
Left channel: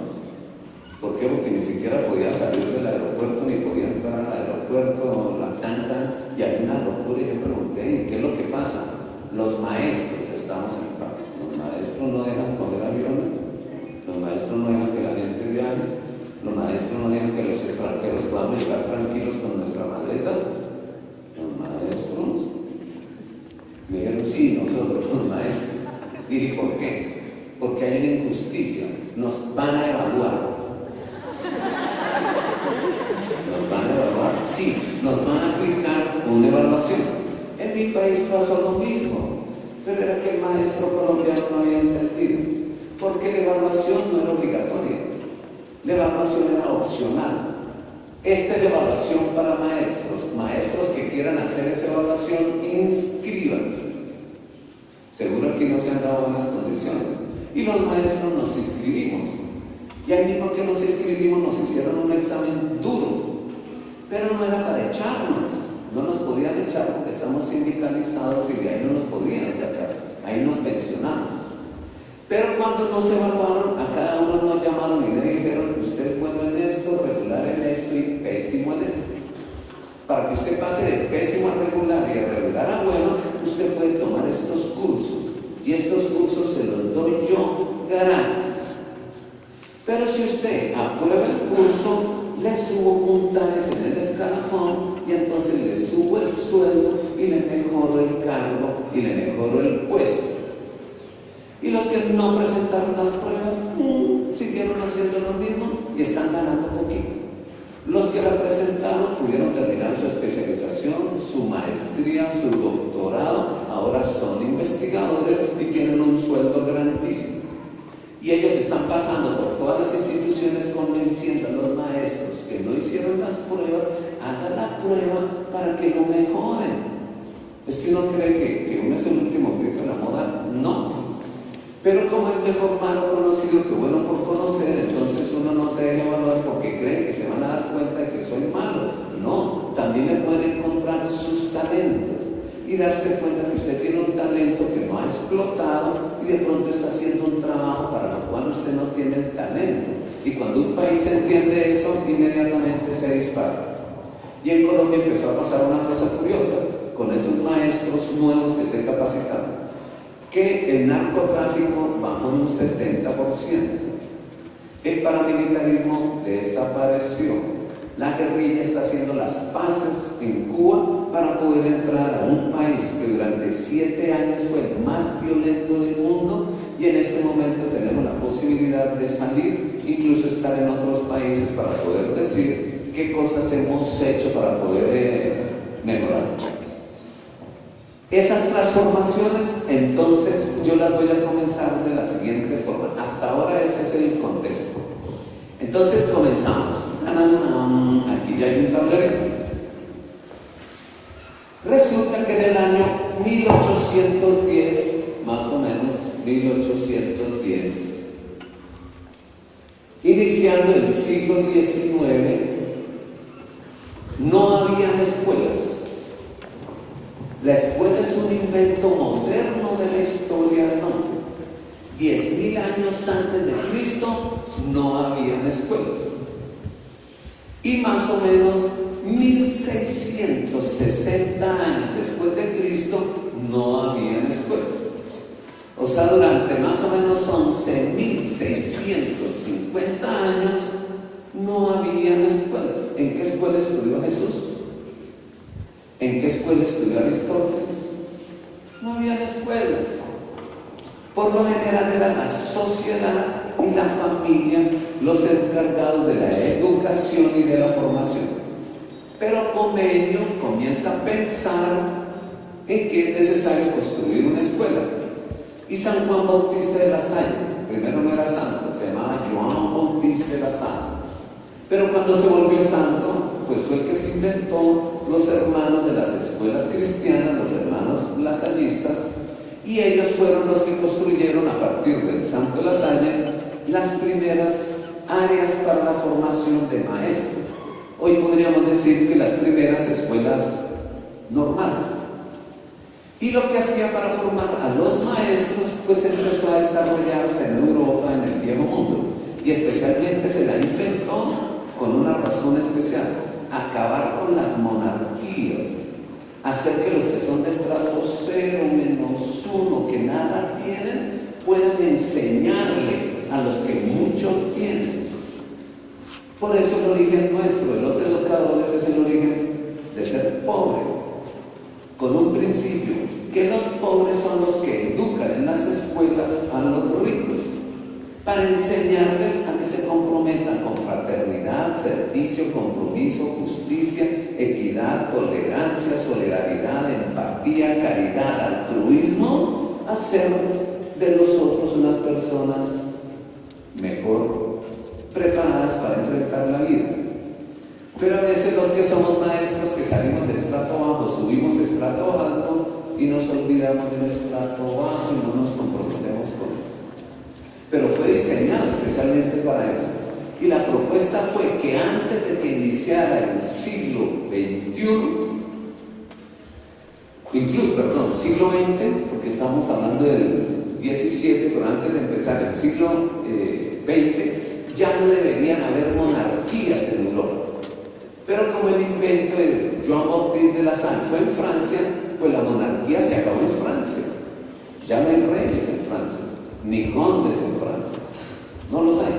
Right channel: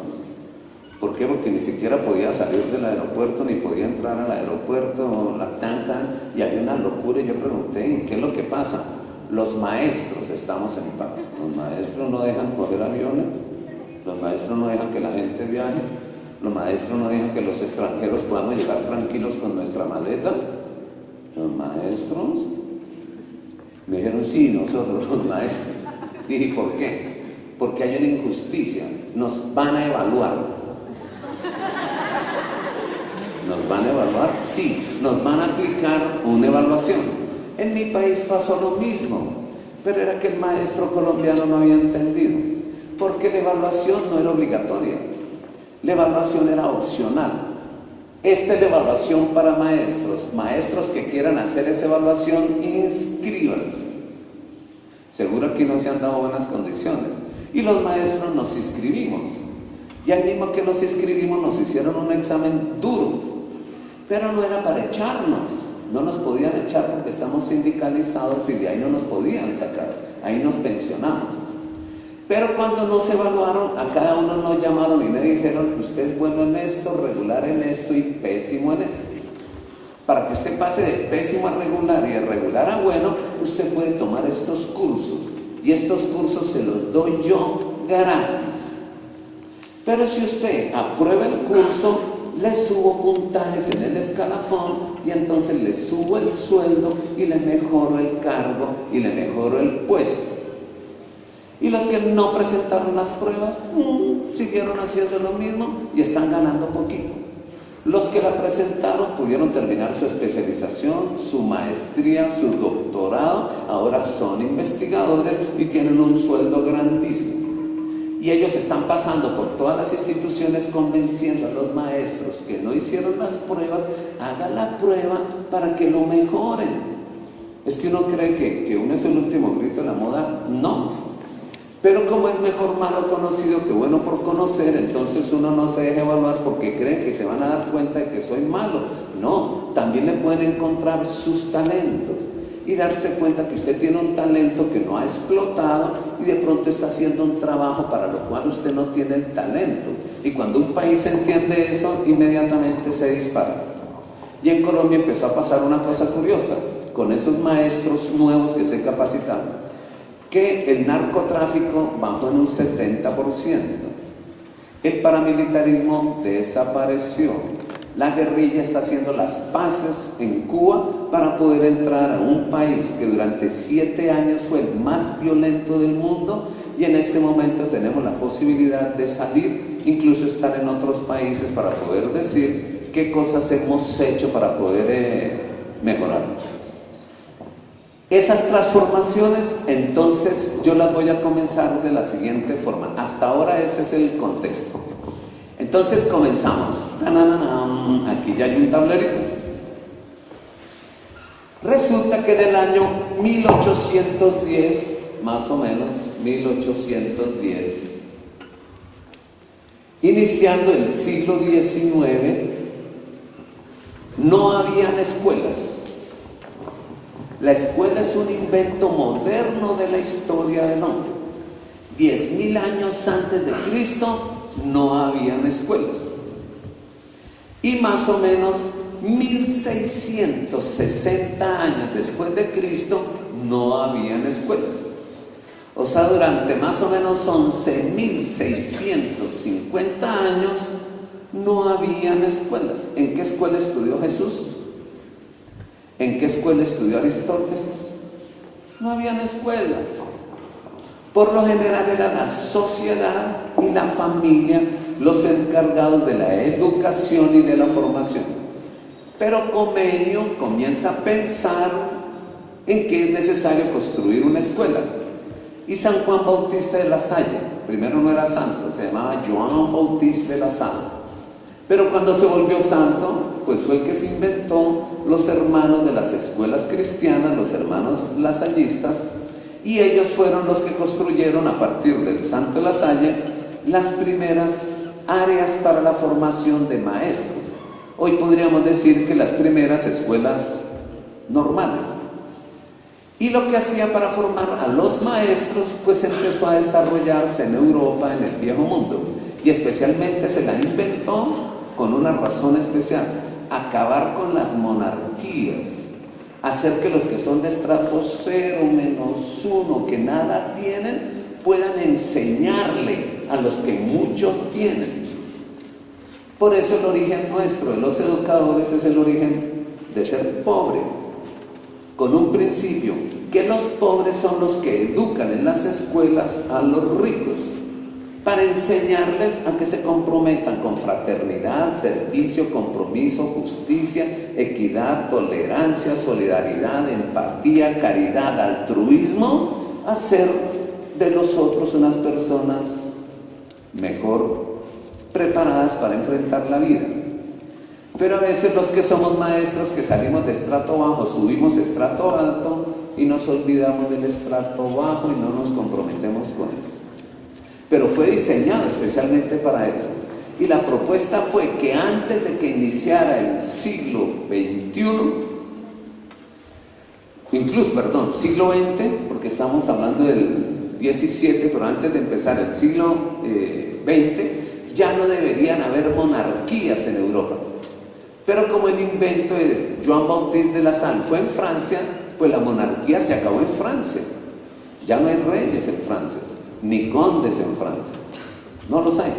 ¿Por qué? Porque ni siquiera podía salir del aeropuerto, ni podía entrar al aeropuerto, y había una locura. Y yo pregunté, ¿qué es lo que pasa? Los maestros estamos en paro. Los maestros no dejan coger aviones, los maestros no dejan que la gente viaje, los maestros no dejan que los extranjeros podamos llegar tranquilos con nuestra maleta. Los maestros me dijeron, sí, nosotros los maestros. Dije, ¿por qué? Porque hay una injusticia. Nos van a evaluar. ¿Nos van a evaluar? Sí, nos van a aplicar una evaluación. En mi país pasó lo mismo, pero era que el maestro colombiano no había entendido, porque la evaluación no era obligatoria, la evaluación era opcional. Esta es la evaluación para maestros que quieran hacer esa evaluación, inscríbanse. Seguro que no se han dado buenas condiciones. Y los maestros nos inscribimos. Y al mismo que nos inscribimos nos hicieron un examen duro, pero no era para echarnos. No nos podían echar porque estamos sindicalizados y de ahí no nos podían sacar. Ahí nos pensionamos. Pero cuando nos evaluaron, a cada uno nos llamaron y le dijeron, usted es bueno en esto, regular en esto y pésimo en esto. Para que usted pase de pésimo a regular y de regular a bueno, usted puede tomar estos cursos. Y estos cursos se los doy yo gratis. Pero si usted aprueba el curso, le subo puntajes en el escalafón y entonces le subo el sueldo y le mejoro el cargo y le mejoro el puesto. Y los que no presentaron las pruebas, siguieron haciendo lo mismo y están ganando poquito. Los que la presentaron pudieron terminar su especialización, su maestría, su doctorado, ahora son investigadores y tienen un sueldo grandísimo. Y ellos están pasando por todas las instituciones convenciendo a los maestros que no hicieron las pruebas, hagan la prueba para que lo mejoren. Es que uno cree que uno es el último grito de la moda. No. Pero como es mejor malo conocido que bueno por conocer, entonces uno no se deja evaluar porque creen que se van a dar cuenta de que soy malo. No, también le pueden encontrar sus talentos y darse cuenta que usted tiene un talento que no ha explotado y de pronto está haciendo un trabajo para lo cual usted no tiene el talento. Y cuando un país entiende eso, inmediatamente se dispara. Y en Colombia empezó a pasar una cosa curiosa con esos maestros nuevos que se capacitaron, que el narcotráfico bajó en un 70%, el paramilitarismo desapareció, la guerrilla está haciendo las paces en Cuba para poder entrar a un país que durante 7 años fue el más violento del mundo y en este momento tenemos la posibilidad de salir, incluso estar en otros países para poder decir qué cosas hemos hecho para poder mejorar. Esas transformaciones, entonces, yo las voy a comenzar de la siguiente forma. Hasta ahora ese es el contexto. Entonces comenzamos. Aquí ya hay un tablerito. Resulta que en el año 1810, más o menos, 1810, iniciando el siglo XIX, no habían escuelas. La escuela es un invento moderno de la historia del hombre. 10.000 años antes de Cristo no habían escuelas. Y más o menos 1660 años después de Cristo no habían escuelas. O sea, durante más o menos 11.650 años no habían escuelas. ¿En qué escuela estudió Jesús? ¿En qué escuela estudió Aristóteles? No habían escuelas. Por lo general era la sociedad y la familia los encargados de la educación y de la formación. Pero Comenio comienza a pensar en que es necesario construir una escuela. Y San Juan Bautista de la Salle, primero no era santo, se llamaba Joan Bautista de la Salle. Pero cuando se volvió santo, pues fue el que se inventó los hermanos de las escuelas cristianas, los hermanos lasallistas, y ellos fueron los que construyeron a partir del Santo La Salle las primeras áreas para la formación de maestros. Hoy podríamos decir que las primeras escuelas normales. Y lo que hacía para formar a los maestros, pues empezó a desarrollarse en Europa, en el Viejo Mundo, y especialmente se la inventó con una razón especial: acabar con las monarquías, hacer que los que son de estrato 0, -1, que nada tienen, puedan enseñarle a los que mucho tienen. Por eso el origen nuestro de los educadores es el origen de ser pobre, con un principio, que los pobres son los que educan en las escuelas a los ricos, para enseñarles a que se comprometan con fraternidad, servicio, compromiso, justicia, equidad, tolerancia, solidaridad, empatía, caridad, altruismo, a ser de los otros unas personas mejor preparadas para enfrentar la vida. Pero a veces los que somos maestros, que salimos de estrato bajo, subimos estrato alto y nos olvidamos del estrato bajo y no nos comprometemos con eso. Pero fue diseñado especialmente para eso. Y la propuesta fue que antes de que iniciara el siglo XXI, siglo XX, porque estamos hablando del XVII, pero antes de empezar el siglo XX, ya no deberían haber monarquías en Europa. Pero como el invento de Joan Baptiste de La Salle fue en Francia, pues la monarquía se acabó en Francia. Ya no hay reyes en Francia, ni condes en Francia. No los hay.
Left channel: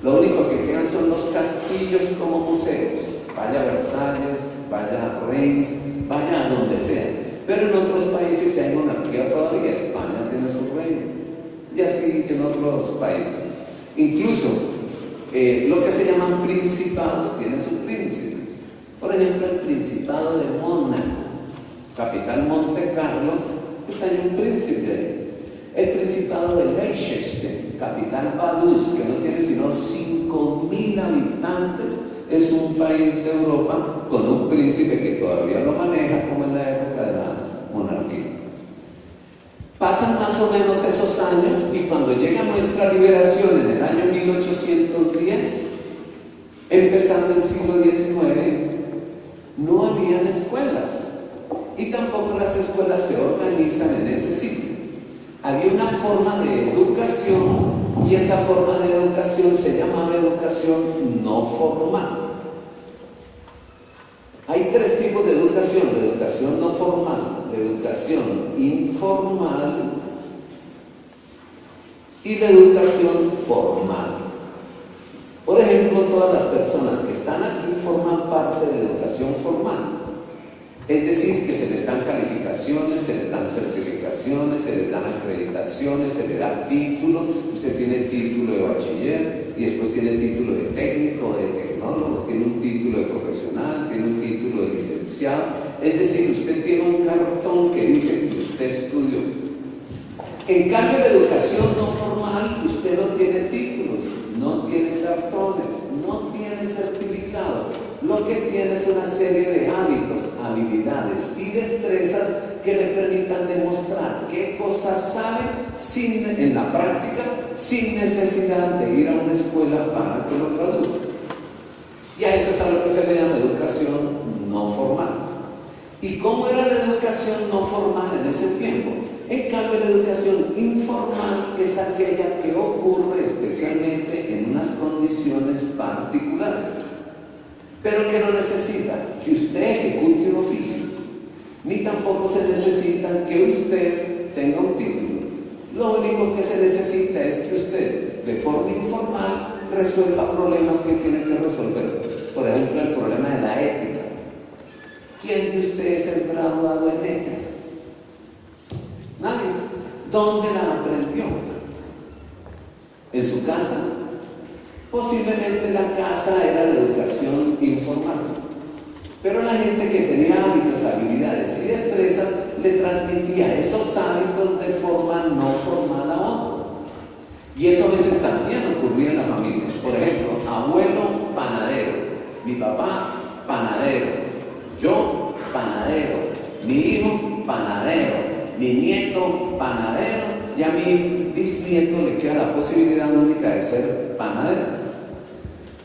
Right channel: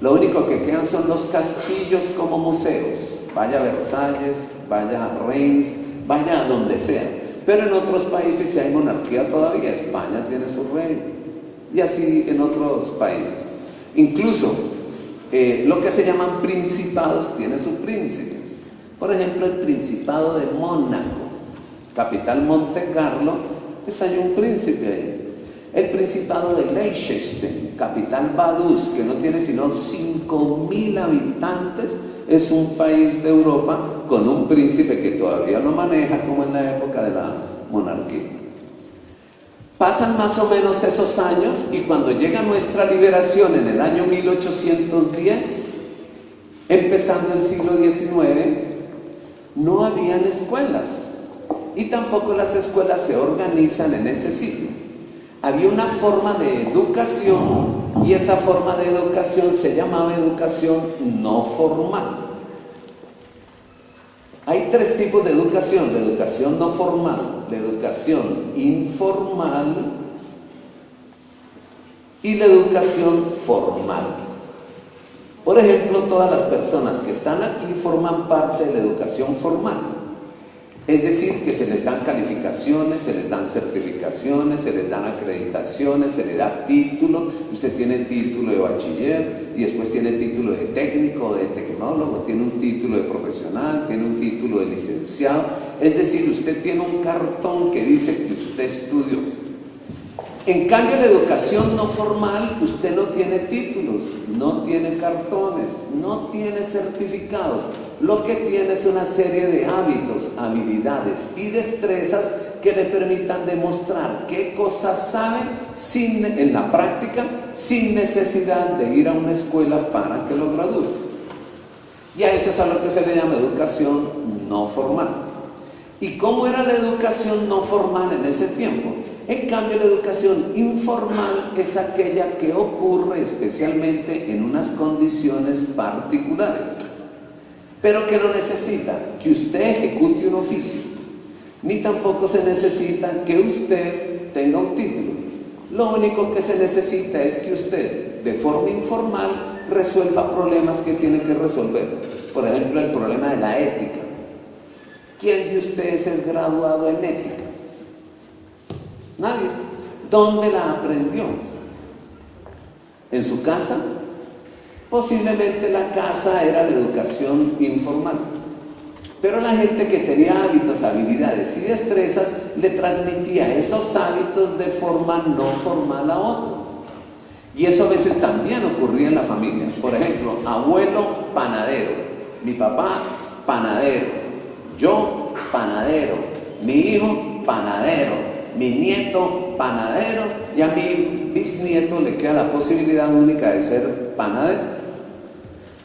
Lo único que quedan son los castillos como museos. Vaya a Versalles, vaya a Reims, vaya a donde sea. Pero en otros países sí hay monarquía todavía. España tiene su rey. Y así en otros países. Incluso lo que se llaman principados tiene su príncipe. Por ejemplo, el Principado de Mónaco, capital Monte Carlo, pues hay un príncipe ahí. El Principado de Liechtenstein, capital Vaduz, que no tiene sino 5.000 habitantes, es un país de Europa con un príncipe que todavía lo maneja como en la época de la monarquía. Pasan más o menos esos años y cuando llega nuestra liberación en el año 1810, empezando el siglo XIX, no habían escuelas y tampoco las escuelas se organizan en ese sitio. Había una forma de educación y esa forma de educación se llamaba educación no formal. Hay tres tipos de educación: la educación no formal, la educación informal y la educación formal. Por ejemplo, todas las personas que están aquí forman parte de la educación formal. Es decir, que se les dan calificaciones, se les dan certificaciones, se les dan acreditaciones, se le da título. Usted tiene título de bachiller y después tiene título de técnico, de tecnólogo, tiene un título de profesional, tiene un título de licenciado. Es decir, usted tiene un cartón que dice que usted estudió. En cambio, la educación no formal, usted no tiene títulos, no tiene cartones, no tiene certificados. Lo que tiene es una serie de hábitos, habilidades y destrezas que le permitan demostrar qué cosas sabe en la práctica, sin necesidad de ir a una escuela para que lo traduzca. Y a eso es a lo que se le llama educación no formal. ¿Y cómo era la educación no formal en ese tiempo? En cambio, la educación informal es aquella que ocurre especialmente en unas condiciones particulares, pero que no necesita que usted ejecute un oficio, ni tampoco se necesita que usted tenga un título. Lo único que se necesita es que usted, de forma informal, resuelva problemas que tiene que resolver. Por ejemplo, el problema de la ética. ¿Quién de ustedes es graduado en ética? Nadie. ¿Dónde la aprendió? ¿En su casa? Posiblemente la casa era la educación informal. Pero la gente que tenía hábitos, habilidades y destrezas le transmitía esos hábitos de forma no formal a otro. Y eso a veces también ocurría en la familia. Por ejemplo, abuelo panadero, mi papá panadero, Yo, panadero, mi hijo, panadero, mi nieto, panadero, y a mi bisnieto le queda la posibilidad única de ser panadero.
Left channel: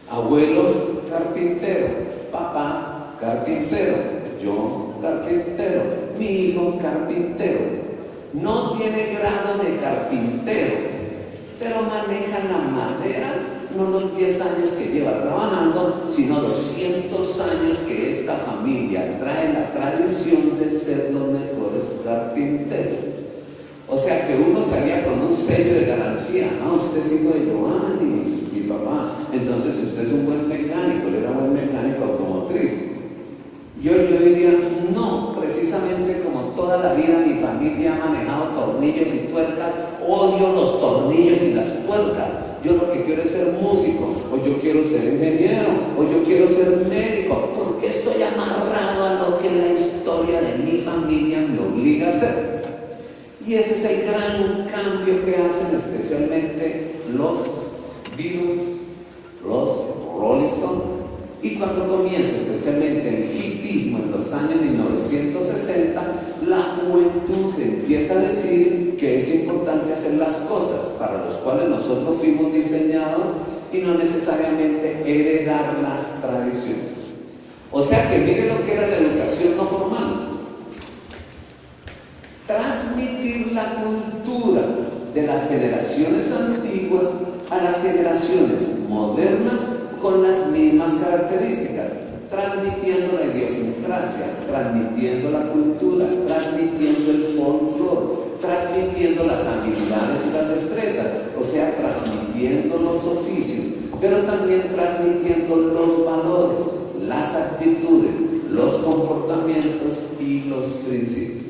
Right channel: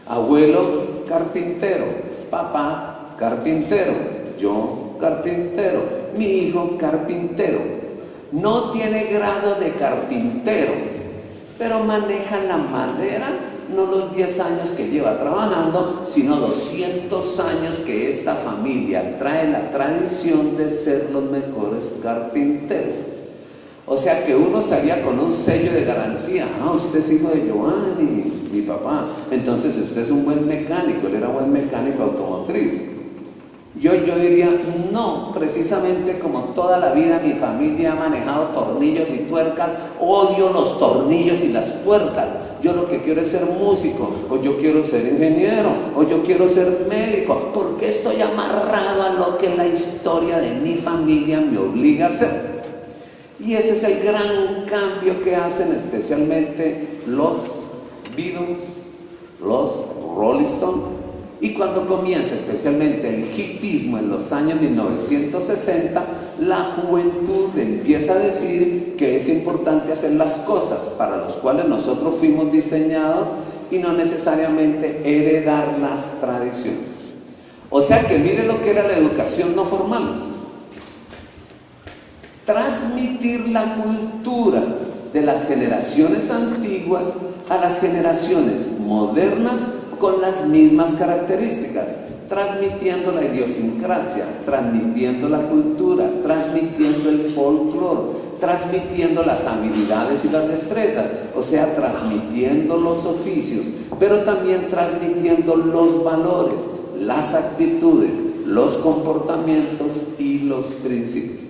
Abuelo, carpintero, papá, carpintero, yo, carpintero, mi hijo, carpintero. No tiene grado de carpintero, pero maneja la madera, no los 10 años que lleva trabajando, sino 200 años que esta familia trae la tradición de ser los mejores carpinteros. O sea que uno salía con un sello de garantía. Ah, usted es hijo de Giovanni, mi papá. Entonces usted es un buen mecánico, él era buen mecánico automotriz. Yo diría, no, precisamente como toda la vida mi familia ha manejado tornillos y tuercas, odio los tornillos y las tuercas. Yo lo que quiero es ser músico, o yo quiero ser ingeniero, o yo quiero ser médico, porque estoy amarrado a lo que la historia de mi familia me obliga a hacer. Y ese es el gran cambio que hacen especialmente los Beatles, los Rolling Stones. Y cuando comienza especialmente el hipismo en los años 1960, la juventud empieza a decir que es importante hacer las cosas para las cuales nosotros fuimos diseñados y no necesariamente heredar las tradiciones. O sea que mire lo que era la educación no formal. Transmitir la cultura de las generaciones antiguas a las generaciones modernas con las mismas características, transmitiendo la idiosincrasia, transmitiendo la cultura, transmitiendo el folclore, transmitiendo las habilidades y las destrezas, o sea, transmitiendo los oficios, pero también transmitiendo los valores, las actitudes, los comportamientos y los principios.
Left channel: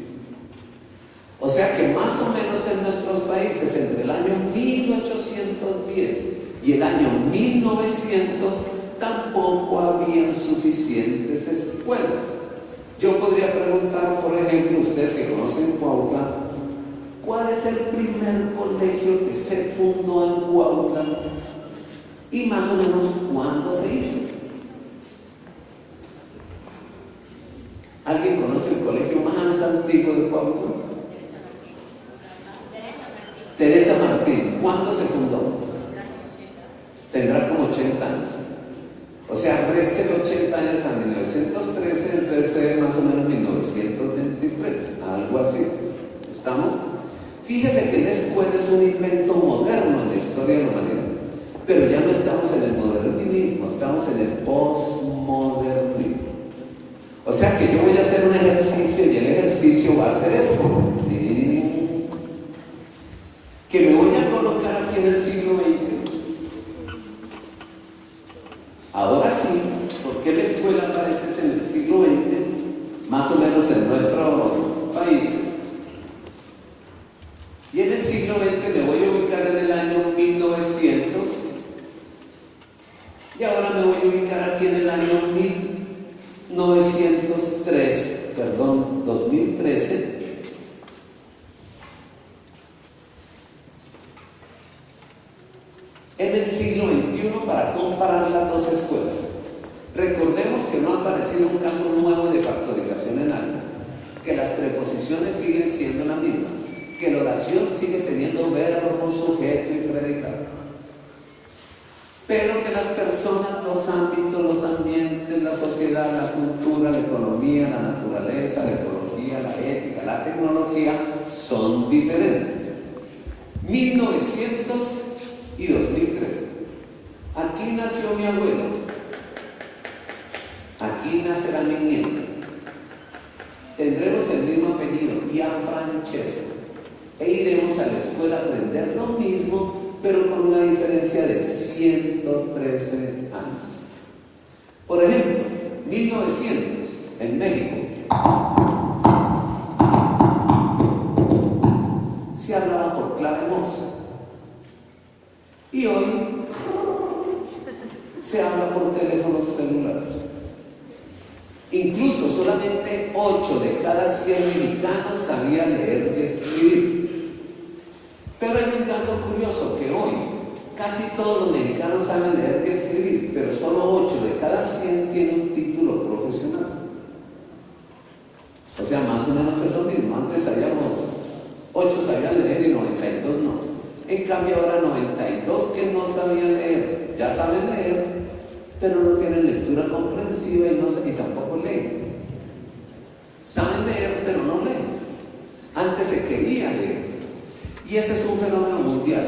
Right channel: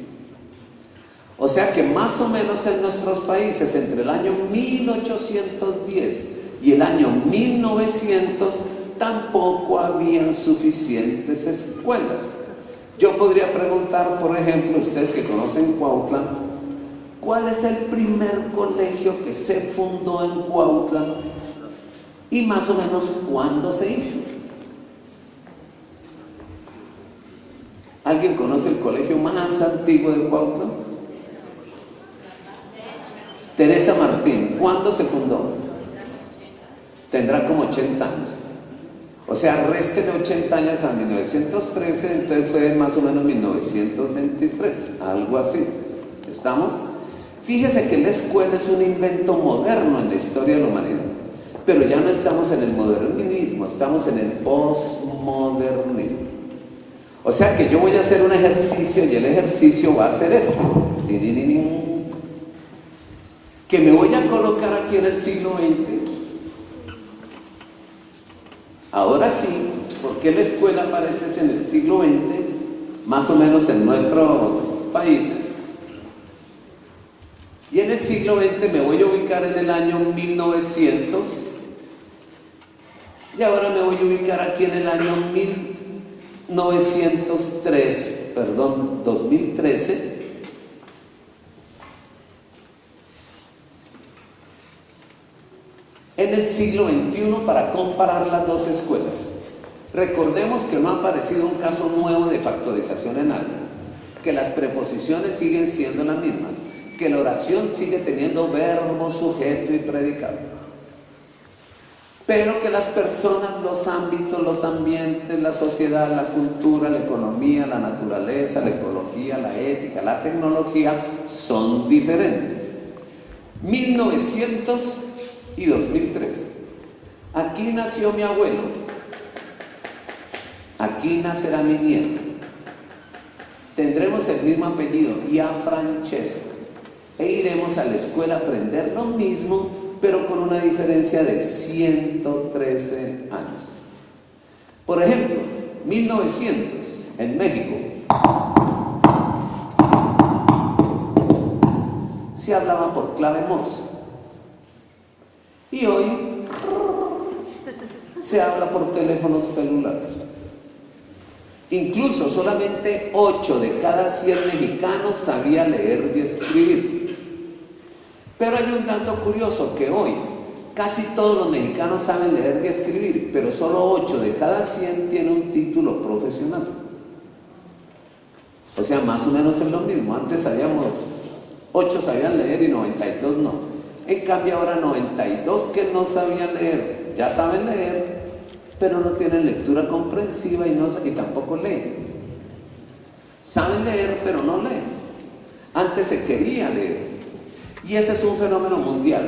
O sea que más o menos en nuestros países, entre el año 1810 y el año 1900, tampoco habían suficientes escuelas. Yo podría preguntar, por ejemplo, ustedes que conocen Cuautla, ¿cuál es el primer colegio que se fundó en Cuautla? Y más o menos, ¿cuándo se hizo? ¿Alguien conoce el colegio más antiguo de Cuautla? Teresa Martín. ¿Cuándo se fundó? Tendrá como 80 años. O sea, resten 80 años a 1913, entonces fue más o menos 1923, algo así. ¿Estamos? Fíjese que la escuela es un invento moderno en la historia de la humanidad, pero ya no estamos en el modernismo, estamos en el postmodernismo. O sea que yo voy a hacer un ejercicio y el ejercicio va a ser esto. Que me voy a colocar aquí en el siglo XX. Ahora sí, ¿por qué la escuela aparece en el siglo XX? Más o menos en nuestros países. Y en el siglo XX me voy a ubicar en el año 1900. Y ahora me voy a ubicar aquí en el año 2013. En el siglo XXI para comparar las dos escuelas. Recordemos que no ha aparecido un caso nuevo de factorización en algo, que las preposiciones siguen siendo las mismas, que la oración sigue teniendo verbo, sujeto y predicado, pero que las personas, los ámbitos, los ambientes, la sociedad, la cultura, la economía, la naturaleza, la ecología, la ética, la tecnología son diferentes. 1900 y 2003. Aquí nació mi abuelo, aquí nacerá mi nieto, tendremos el mismo apellido, Gianfrancesco, e iremos a la escuela a aprender lo mismo, pero con una diferencia de 113 años. Por ejemplo, 1900 en México se hablaba por clave Morse. Y hoy se habla por teléfonos celulares. Incluso solamente 8 de cada 100 mexicanos sabía leer y escribir. Pero hay un dato curioso, que hoy casi todos los mexicanos saben leer y escribir, pero solo 8 de cada 100 tienen un título profesional. O sea, más o menos es lo mismo. Antes sabíamos, 8 sabían leer y 92 no. En cambio ahora 92 que no sabían leer, ya saben leer, pero no tienen lectura comprensiva y tampoco leen. Saben leer, pero no leen. Antes se quería leer. Y ese es un fenómeno mundial.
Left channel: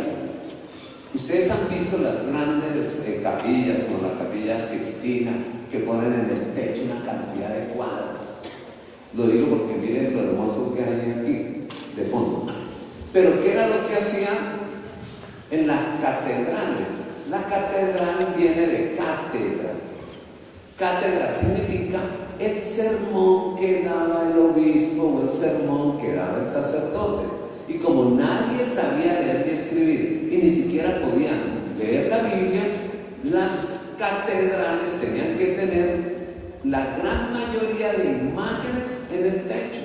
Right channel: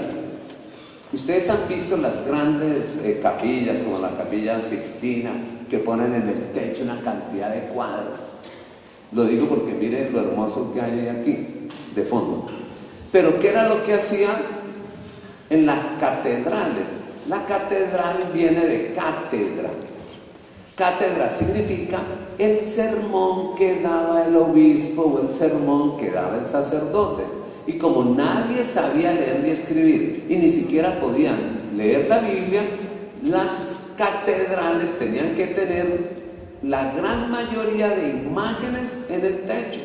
Ustedes han visto las grandes capillas, como la Capilla Sixtina, que ponen en el techo una cantidad de cuadros. Lo digo porque miren lo hermoso que hay aquí, de fondo. Pero ¿qué era lo que hacían en las catedrales? La catedral viene de cátedra. Cátedra significa el sermón que daba el obispo o el sermón que daba el sacerdote. Y como nadie sabía leer y escribir y ni siquiera podían leer la Biblia, las catedrales tenían que tener la gran mayoría de imágenes en el techo.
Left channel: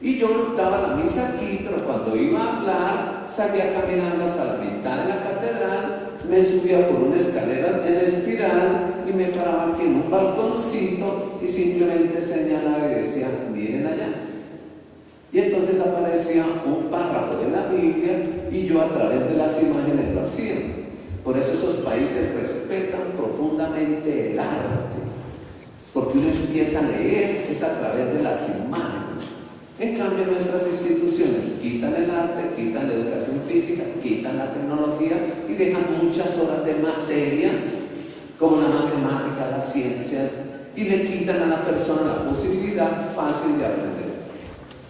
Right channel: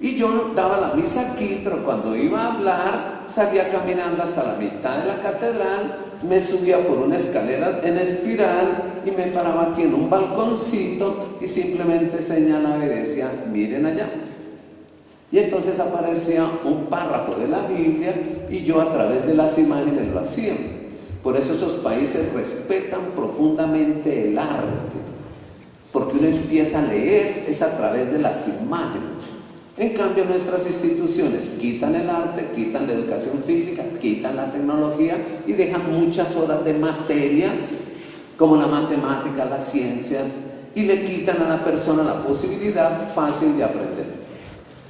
Y yo daba la misa aquí, pero cuando iba a hablar salía caminando hasta la mitad de la catedral, me subía por una escalera en espiral y me paraba aquí en un balconcito y simplemente señalaba y decía, miren allá. Y entonces aparecía un párrafo de la Biblia y yo a través de las imágenes lo hacía. Por eso esos países respetan profundamente el arte, porque uno empieza a leer es a través de las imágenes. En cambio nuestras instituciones quitan el arte, quitan la educación física, quitan la tecnología y dejan muchas horas de materias como la matemática, las ciencias, y le quitan a la persona la posibilidad fácil de aprender.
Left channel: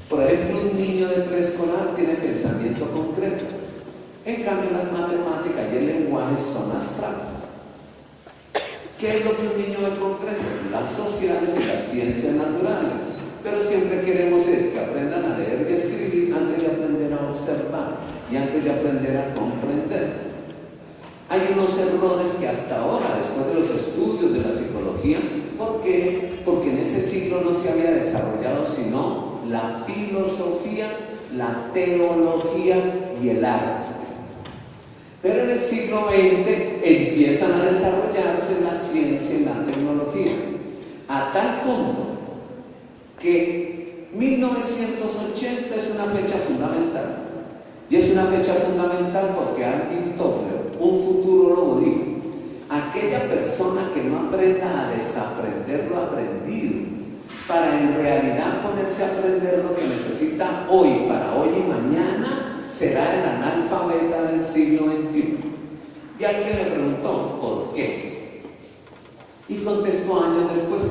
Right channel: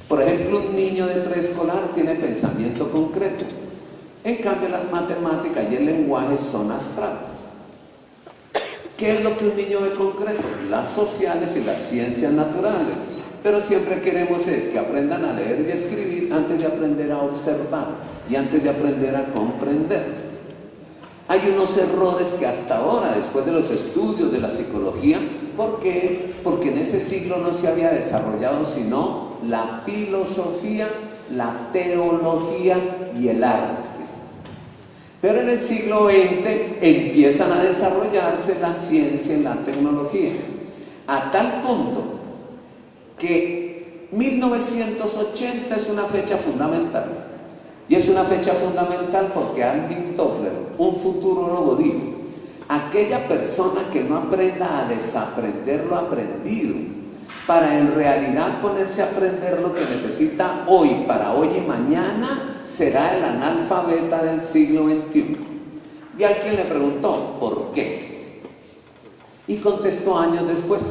Por ejemplo, un niño de preescolar tiene pensamiento concreto. En cambio, las matemáticas y el lenguaje son abstractos. ¿Qué es lo que un niño ve concreto? Las sociales y las ciencias naturales. Pero siempre queremos es que aprendan a leer y escribir antes de aprender a observar y antes de aprender a comprender. Hay unos errores que hasta ahora, después de los estudios de la psicología, ¿por qué? Porque en ese siglo no se había desarrollado sino la filosofía, la teología y el arte. Pero en el siglo XX empiezan a desarrollarse la ciencia y la tecnología, a tal punto que 1980 es una fecha fundamental. Y es una fecha fundamental porque Alvin Toffler, un futurólogo, dijo: aquella persona que no aprenda a desaprender lo aprendido para en realidad ponerse a aprender lo que necesita hoy, para hoy y mañana, será el analfabeta del siglo XXI. Y alguien le preguntó, ¿por qué? Y contestó años después:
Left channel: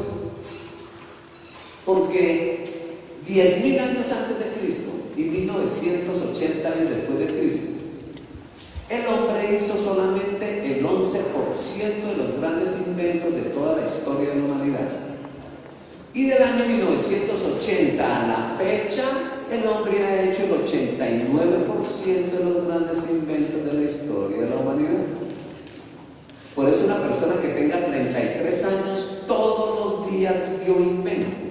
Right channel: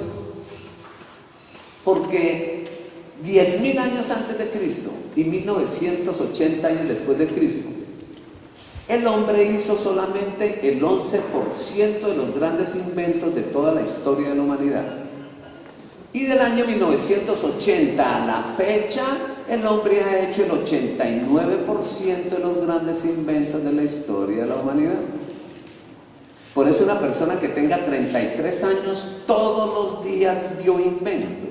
porque 10.000 años antes de Cristo y 1980 años después de Cristo, el hombre hizo solamente el 11% de los grandes inventos de toda la historia de la humanidad. Y del año 1980 a la fecha, el hombre ha hecho el 89% de los grandes inventos de la historia de la humanidad. Por eso una persona que tenga 33 años todos los días vio inventos.